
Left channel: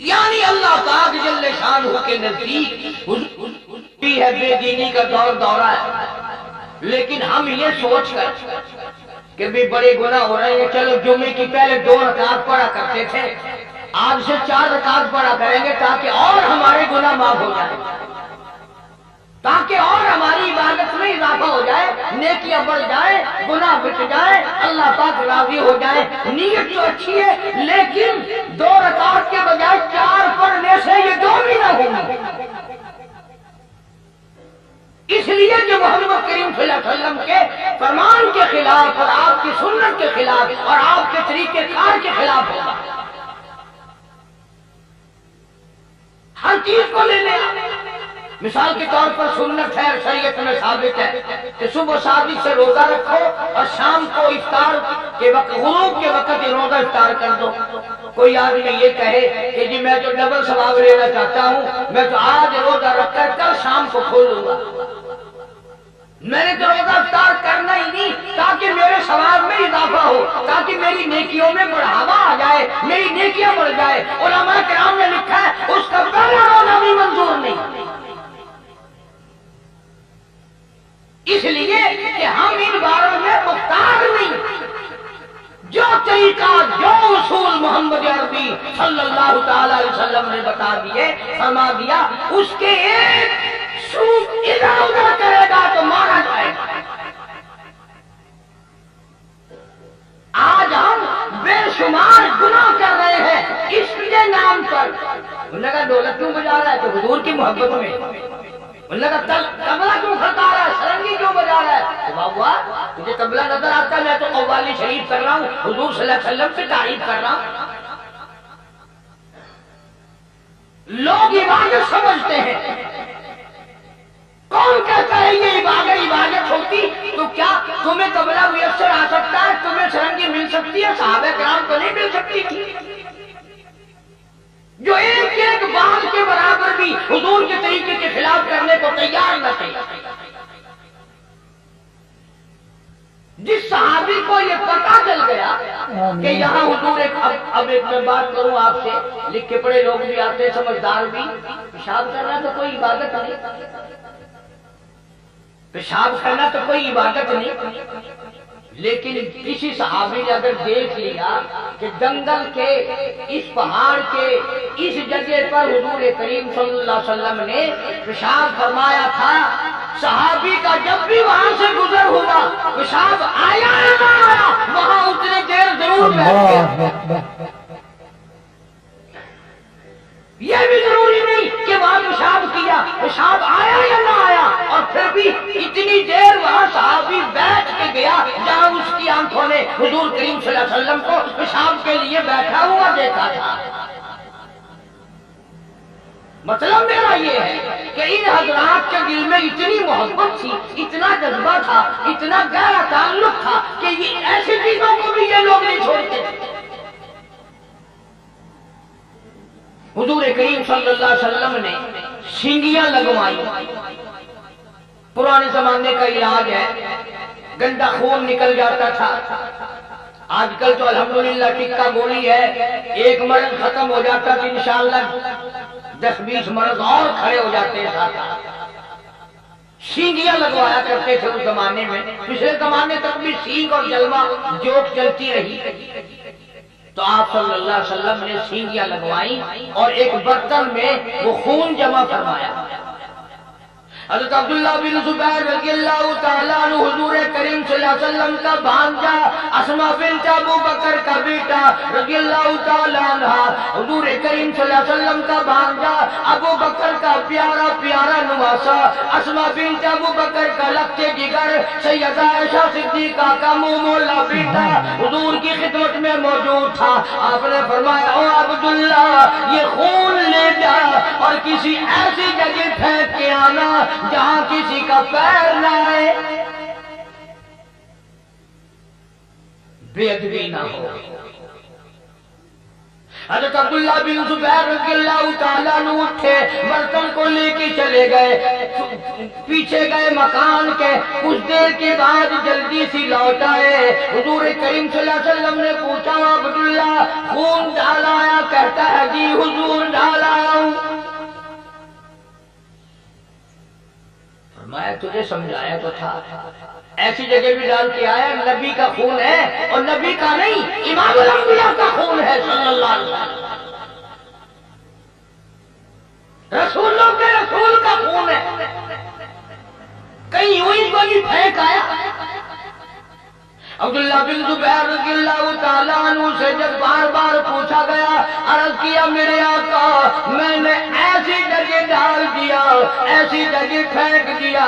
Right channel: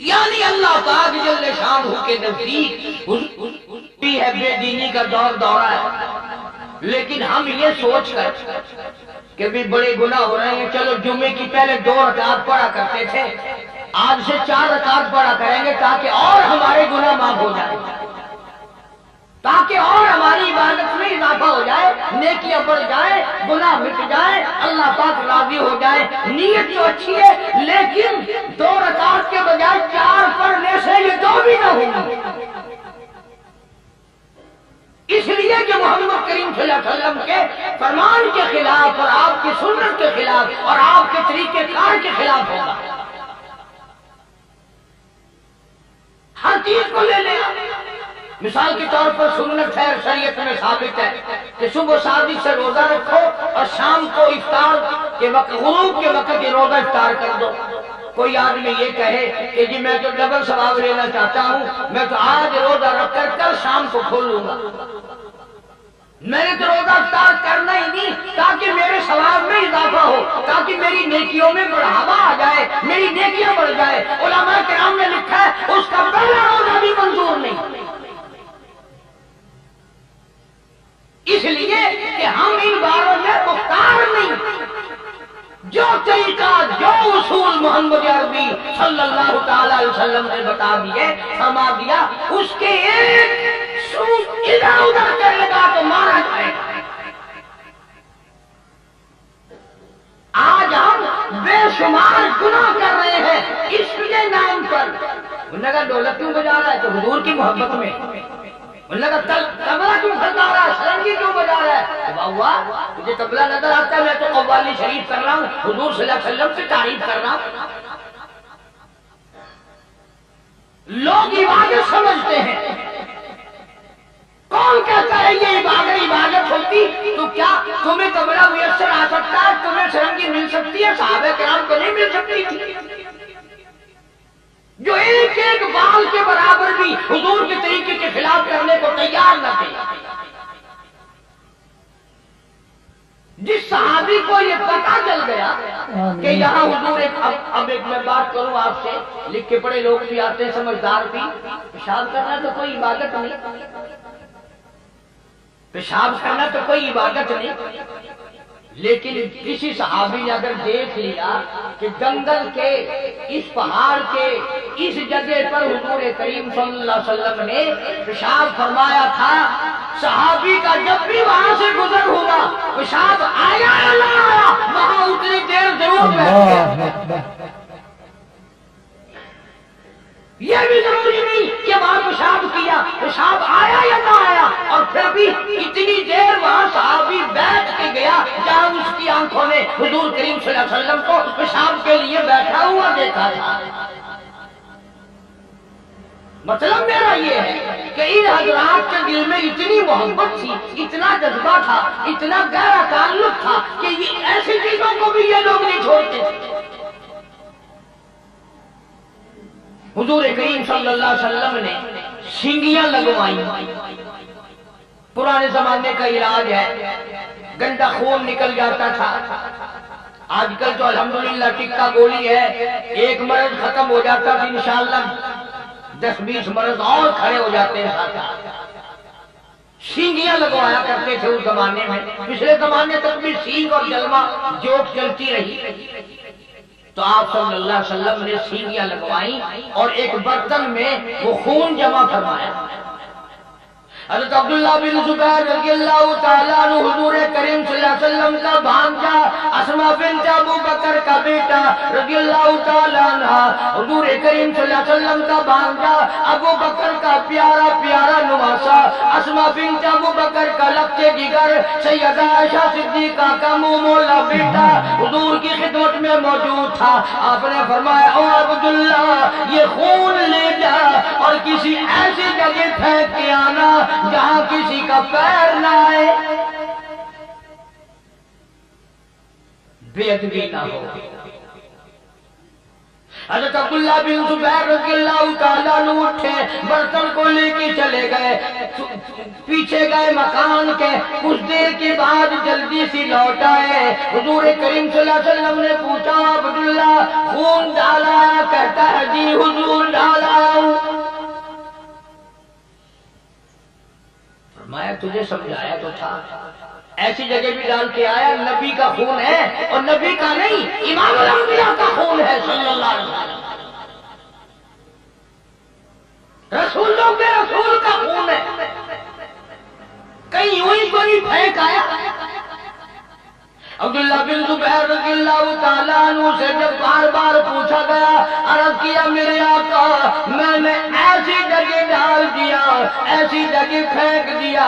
यानी अल्लाह पाक जल्ले शानहू के नजदीक भी है बेदीनी का दौर दौरा है। लेकिन हम ये सोचकर कि भी बड़े गुनाह हो रहे हैं, चलो जुमे की पहले 2 रकात पढ़ा करते थे, आज से 4 रकात पढ़ा करेंगे ताकि और हमारे गुनाह माफ हो जाए, ताकि और हमारी इबादत में इजाफा हो जाए, नेकियां बढ़ जाए, गुनाह मिट जाए, अल्लाह पाक राजी हो जाए। नीयत तो अच्छी है, लेकिन 2 रकात के बजाय 4 पढ़ने से ये 2 भी ना होंगी। इसलिए कि मोहम्मद करीम सल्लल्लाहु अलैहि वसल्लम के फरमान के खिलाफ और आपकी सुन्नत के खिलाफ और आपके तरीके कार के खिलाफ होगा। हर चीज को ले ले। मिसाल के तौर पर सुन्नत है, शरीयत में साबित है कि सुबह शादी से रोजा रखो और शाम को इफ्तार के वक्त, गुरूब के वक्त ये रोजा इफ्तार कर दो। कोई आदमी ये कहे कि जी मैं तो डबल सवाब लेना चाहता हूं, मैं तो आज रोजा रखकर कल शाम को खोल लूंगा, मैंने तो रोजा इफ्तार करना ही नहीं ताकि मेरे सवाब में इजाफा हो, ताकि मेरी नेकियों में बढ़ावा आ जाए, मेरी नेकियां बढ़ जाए। उलमा किराम ने लिखा है उसका पहला रोजा भी मंजूर नहीं, इसलिए कि हम इन बारों में मुख्तार नहीं। जो तरीका, जो उसूल मोहम्मद अरबी सल्लल्लाहु ताला अलैहि वसल्लम ने बता दिए, फरमा दिया, उसके एक सूद इधर उधर करेगा तो मारा जाएगा। आज हम बेशुमार गुनाह कर रहे हैं इश्क के नाम पर। उन्होंने कहा ढोलक क्यों बजा रहा है? तो हुजूर की मोहब्बत में। उन्होंने कहा तबला क्यों खड़का रहा है, सरंगी क्यों बजा रहा है? तो बाबा तुझे तबला नजर आता है, मैं तो कव्वाली शरीफ कर रहा हूं, हुजूर सल्लल्लाहु अलैहि वसल्लम की तारीफ कर रहा हूं। लोग इबादत समझते हैं। कौन कहता है ये इबादत होती? तो क्या तुम्हें तबला मुयस्सर आ सकता है, तुम्हें सरंगी मिल सकती है? सहाबा किराम को नहीं मिल सकती थी, जो एक एक बाल के बराबर भी हुजूर के तरीके के खिलाफ करने को तैयार न थे। जिस सहाबी को ये पता चल गया कि यहाँ हुजूर अब एक मैं बात करूं आपसे, लिख के पढ़े लोग भी आते हैं, समझदार भी, पेशाब करना तो कोई इबादत नहीं, पेशाब करना तो कोई इबादत नहीं। लेकिन किसी सहाबी ने अगर देख लिया कि जंगल के इस पहाड़ के इस जगह पर हुजूर करीम सल्लल्लाहु अलैहि वसल्लम ने पेशाब फरमाया था, सहाबी का जब भी वहां से गुजर हुआ पेशाब आया या ना आया, वहां उतनी देर जरूर बैठ गया। यह भी जरूरी नहीं कि वहां पेशाब किया, पेशाब आया या ना आया, और फिर भी इतनी देर वहां सहाबी बैठ के गया जहां उसकी आंखों ने हुजूर करीम सल्लल्लाहु अलैहि वसल्लम को पेशाब के लिए बैठा हुआ देखा था। मतलब मेरा ये है कि इन हजरात के दिल में इतनी मोहब्बत थी, इतना जज्बा था, इतना गहरा ताल्लुक था कि ये ऐसी चीजों को भी ये लोग नहीं छोड़ते थे। हुजूर करीम सल्लल्लाहु अलैहि वसल्लम ने सींगियां लगवाई, पुराने जमाने का इलाज है, गंदा खून निकल जाता था। आजकल तो अल्हम्दुलिल्लाह टिक्का गोली है, एक मर्ज खत्म हो जाता तो इंशाअल्लाह 10-20 मर्ज और खड़े हो जाते हैं साथ। सींगियां लगवाया करते थे उस जमाने में, पिछले जमाने तक भी सींग और जलवा जोक चलती रही। तो आप सल्लल्लाहु अलैहि वसल्लम ने सींगियां लगवाई और एक बर्तन में वो खून जमा फरमाया। हज़रत अब्दुल्लाह बिन जुबैर रज़ियल्लाहु ताला अन्हु हुजूर करीम सल्लल्लाहु अलैहि वसल्लम का भांजा, अस्मा बिन्त अबू बकर का बेटा रज़ियल्लाहु ताला अन्हा था। हुजूर करीम सल्लल्लाहु अलैहि वसल्लम का भांजा अबू बकर का प्यारा प्यारा नुमासा, अस्मा बिन्त अबू बकर का लक्के जिगर, सैयदा आयशा सिद्दीका का मुंह मोला बेटा हुजूर की खिदमत में मौजूद था। आपने फरमाया, ओ अब्दुल्ला, ये खून ले जा और किसी ऐसी जगह फेंक के आना जहां किसी का पैर ना आए, बेअदबी ना हो। हज़रत अब्दुल्ला बिन जुबैर रज़ियल्लाहु ताला अन्हु उठे, बर्तन को लेके चले गए, पीछे गए मकान के। कुछ देर के बाद जल्दी सी लौट आए। हुजूर करीम सल्लल्लाहु अलैहि वसल्लम ने पूछा, अब्दुल्ला खून डाल आया? कहता है, जी हुजूर डाल आया हूं। फरमाया, तुझे समझाया तो था, ऐसी जगह भी डाल के आया। नबी का खून है, और नबी का नहीं, इमामुल अंबिया का खून है सल्लल्लाहु अलैहि वसल्लम। रसूलों के रसूल का खून है, कहीं यूं ही तो नहीं फेंक आया। अब्दुल्ला बिन जुबैर रज़ियल्लाहु ताला अन्हु से जब बार बार पूछा गया, अर्ज किया, मेरे आका, मैंने ऐसी जगह डाल दिया, ऐसी जगह फेंक दिया,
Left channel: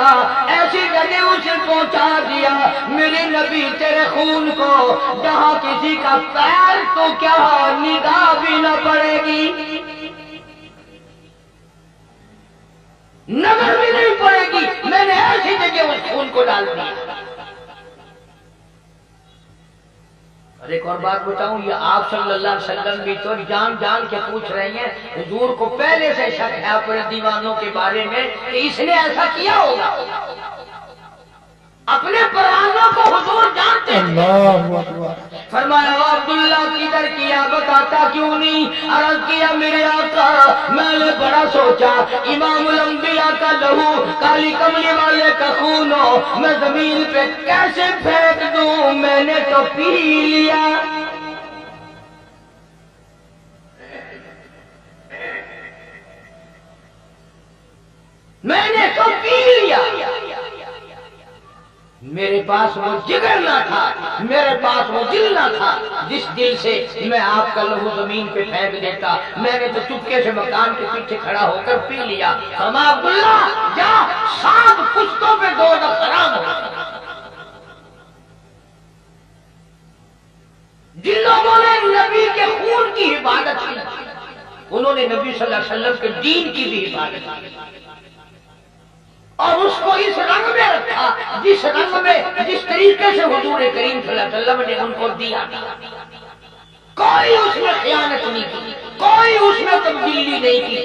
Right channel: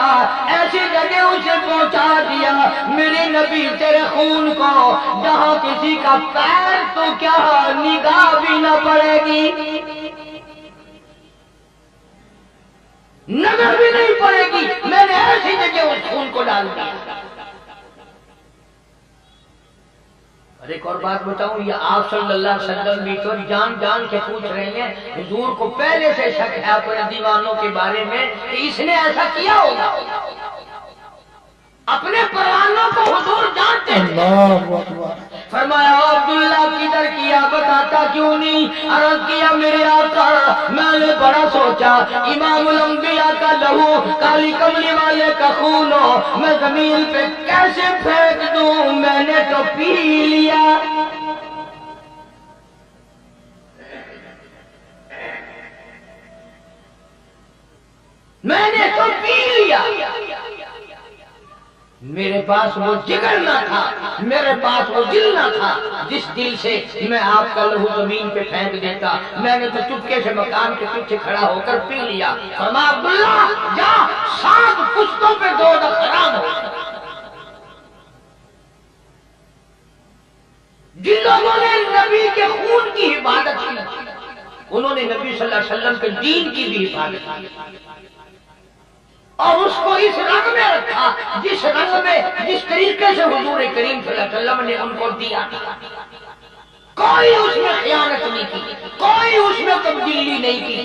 ऐसी जगह उसे पहुंचा दिया, मेरे नबी तेरे खून को जहां किसी का पैर तो क्या निगाह भी न पड़ेगी, नजर भी नहीं पड़ेगी, मैंने ऐसी जगह उस खून को डाल दिया। और एक और बात बताऊं, ये आप सल्लल्लाहु अलैहि वसल्लम भी तो जान जान के पूछ रहे हैं। हुजूर को पहले से शक है अपने दीवानों के बारे में कि इसने ऐसा किया होगा। अपने परवानों को हुजूर जानते हैं। फरमाया, अब्दुल्ला किधर किया, बताता क्यों नहीं? अर्ज किया, मेरे आका, मैंने बड़ा सोचा, इमामुल अंबिया का लहू, काली कमली वाले का खून हो, मैं जमीन पे कैसे फेंक दूं? मैंने तो पी लिया। मैंने तो पी लिया। मेरे पास वो जिगर ना था, मेरे पास वो दिल ना था जिस दिल से मैं आपका लहू जमीन पे फेंक देता। मैंने तो चुपके से मकान के पीछे खड़ा होकर पी लिया। फरमाया, अब्दुल्ला जा, 7 पुश्तों पे दोज़ख हराम हो। जिन लोगों ने नबी के खून की हिफाजत की, उन्होंने नबी सल्लल्लाहु अलैहि वसल्लम के दीन की भी हिफाजत की, और उसको इस रंग में रखा जिस रंग में, जिस तरीके से हुजूर करीम सल्लल्लाहु अलैहि वसल्लम ने उनको दिया था। कोई उसमें खयानत नहीं की, कोई उसमें तब्दीली नहीं की।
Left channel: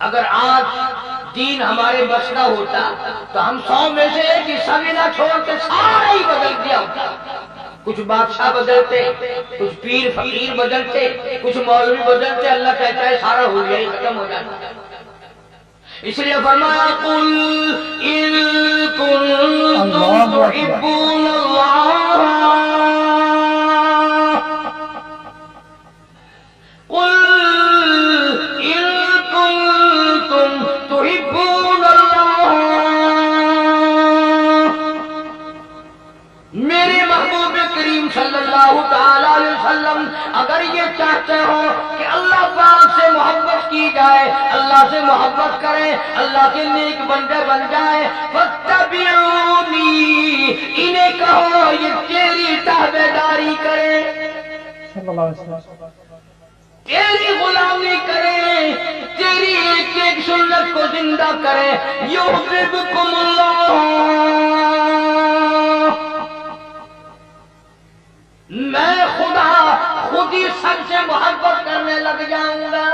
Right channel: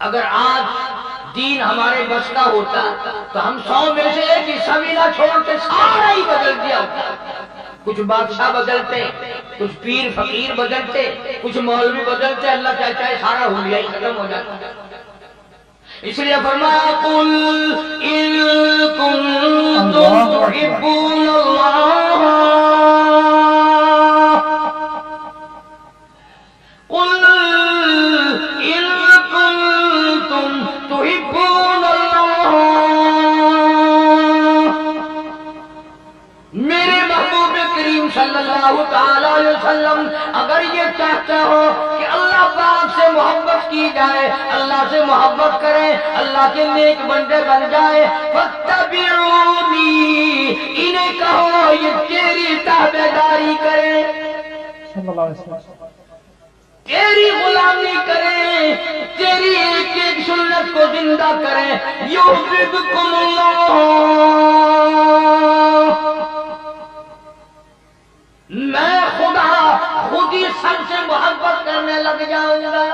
अगर आज दीन हमारे बस का होता तो हम 100 में से एक हिस्सा भी ना छोड़ के सारा ही बदल दिया होता। कुछ बादशाह बदलते, कुछ पीर फकीर बदलते, कुछ मौलवी बदलते, अल्लाह चाहे सारा हुलिया ही खत्म हो जाता। इसलिए फरमाया, कुल इन कुंतुम तुहिब्बूनल्लाह, कुल इन कुंतुम तुहिब्बूनल्लाह, मेरे महबूब करीम सल्लल्लाहु ताला अलैहि वसल्लम अगर ये चाहते हो कि अल्लाह पाक से मोहब्बत की जाए, अल्लाह से मोहब्बत करें, अल्लाह के नेक बंदे बन जाए, फत्तबिऊनी, इन्हें कहो ये तेरी ताबेदारी करें, सल्लल्लाहु अलैहि वसल्लम, तेरी गुलामी करें, तेरी एक एक सुन्नत को जिंदा करें। युहिब्बुकुमुल्लाह, मैं खुदा खुद ही सबसे मोहब्बत करने लग जाऊंगा।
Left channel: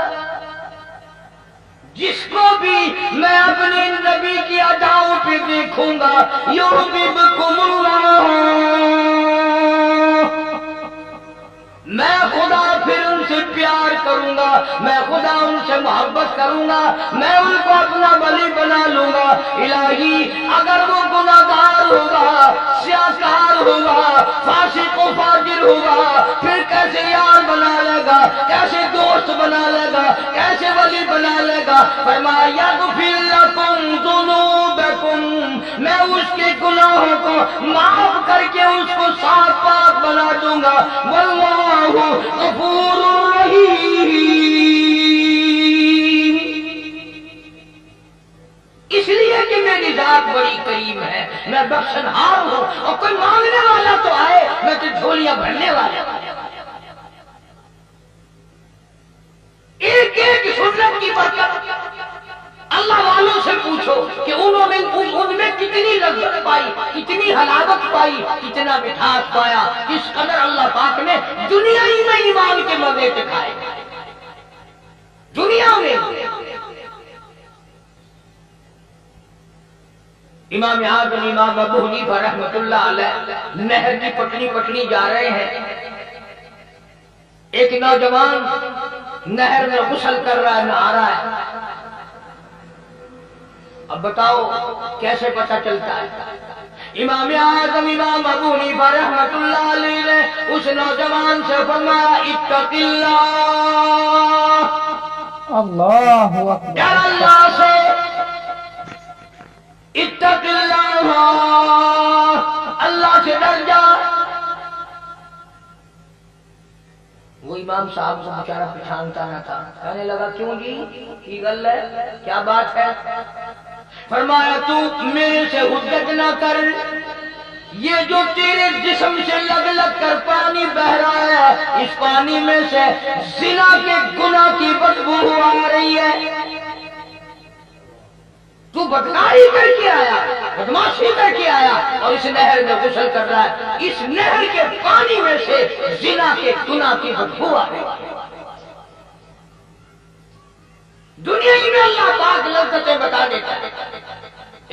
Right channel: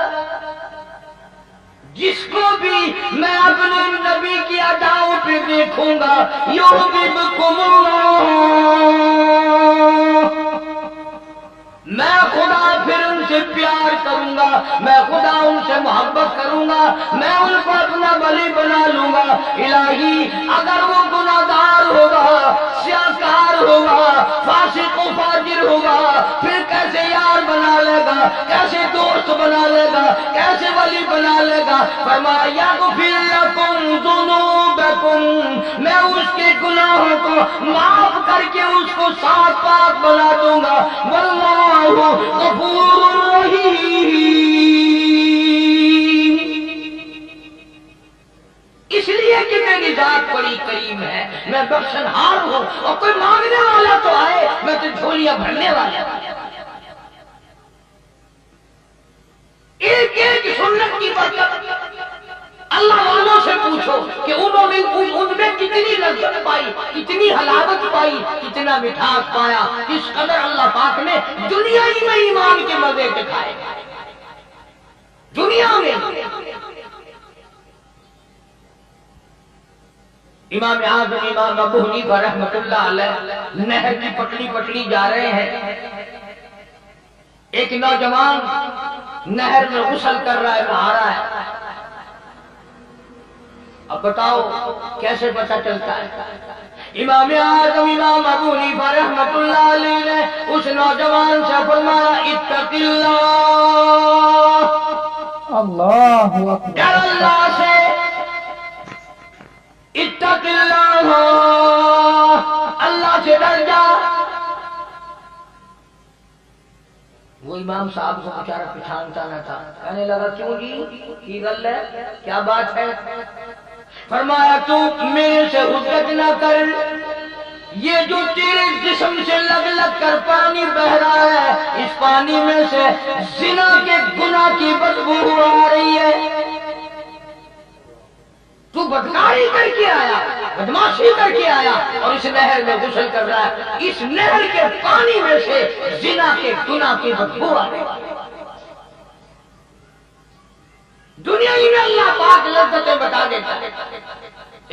जिसको भी मैं अपने नबी की अदाओं पे देखूंगा, युहिब्बुकुमुल्लाह, मैं खुदा फिर उनसे प्यार करूंगा, मैं खुदा उनसे मोहब्बत करूंगा, मैं उनको अपना वली बना लूंगा। इलाही, अगर वो गुनाहगार होगा, स्याकार होगा, फासिक व फाजिर होगा, फिर कैसे यार बना लेगा, कैसे दोस्त बना लेगा, कैसे वली बना लेगा। फरमाया यग़फ़िर लकुम ज़ुनूबकुम, मैं उसके गुनाहों को माफ करके उसको साफ पाक बना दूंगा। वल्लाहु गफूरुर रहीम, इसलिए कि मेरी जात बड़ी करीम है, मैं बख्शनहार हूं। और कोई मांगने वाला तो आए, मैं तो झोलियां भरने वाला। एक एक सुन्नत की बरकत अल्लाह वालों से पूछो कि उन्होंने उनमें कितनी लज्जत पाई, कितनी हलावत पाई, कितना मिठास पाया, किस कदर अल्लाह पाक ने दुनिया ही में ईमान के मजे दिखाए। दुनिया में इमाम आज़म इमाम अबू हनीफा रहमतुल्लाह अलैह नहर की पटड़ी जा रहे हैं। एक नौजवान नहर में गुस्ल कर रहा है, नहा रहा है। अब बताओ कैसे पता चलता है? इमाम आज़म इमाम अबू हनीफा रहमतुल्लाह अलैह ने उस नौजवान से फरमाया इत्तक़िल्लाह, अल्लाहु अकबर, डर अल्लाह से, इत्तक़िल्लाह, अल्लाह से डर जा। वो इमाम साहब को बेचारा पहचानता न था। कहने लगा क्यों जी, की गल है, क्या बात है? फरमाया तू मेरे से हुज्जत ना कर, ये जो तेरे जिस्म से लग लग कर पानी बह रहा है, इस पानी में से जिना के गुनाह की बदबू आ रही है। तू बदकारी करके आया, बदमाशी करके आया और इस नहर में गुस्ल कर रहा है। इस नहर के पानी में से जिना के गुनाह की बदबू आ रही है। दुनिया ही में अल्लाह पाक लज्जतें बता देता है।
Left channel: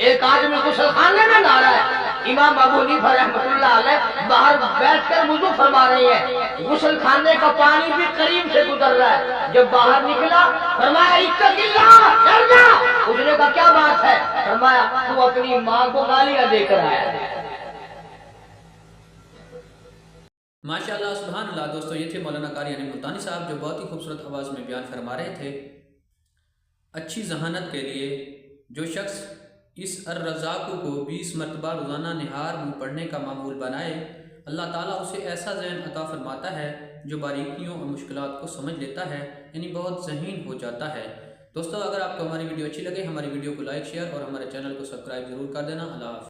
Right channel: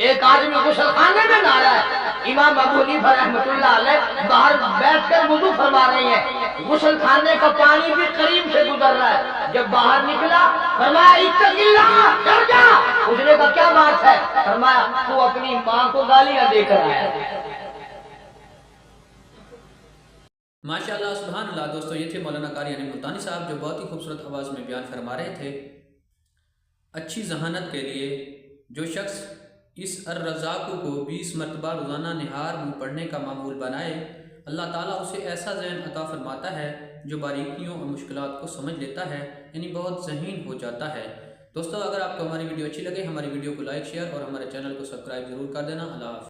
एक आदमी गुस्ल खाने में नहा रहा है, इमाम अबू हनीफा रहमतुल्लाह अलैह बाहर बैठकर वुजू फरमा रहे हैं। गुस्ल खाने का पानी भी करीब से गुजर रहा है। जब बाहर निकला फरमाया इत्तक़िल्लाह, डर जा। पूछने का क्या बात है? फरमाया तू अपनी माँ को गालियां देकर आया। माशाअल्लाह, सुभान अल्लाह। दोस्तों, ये थे मौलाना कारी यानी मुल्तानी साहब, जो बहुत ही खूबसूरत आवाज़ में बयान फरमा रहे थे। अच्छी जहानत के लिए जो शख्स इस अर्रज़ाक़ु को 20 मरतबा रोज़ाना निहार मुँह पढ़ने का मामूल बनाए, अल्लाह ताला उसे ऐसा ज़हन अता फरमाता है जो बारीकियों और मुश्किलात को समझ लेता है, यानी बहुत ज़हीन हो जाता है। दोस्तों, अगर आपको हमारी वीडियो अच्छी लगे, हमारी वीडियो को लाइक, शेयर और हमारे चैनल को सब्सक्राइब ज़रूर कर देना। अल्लाह हाफ़िज़।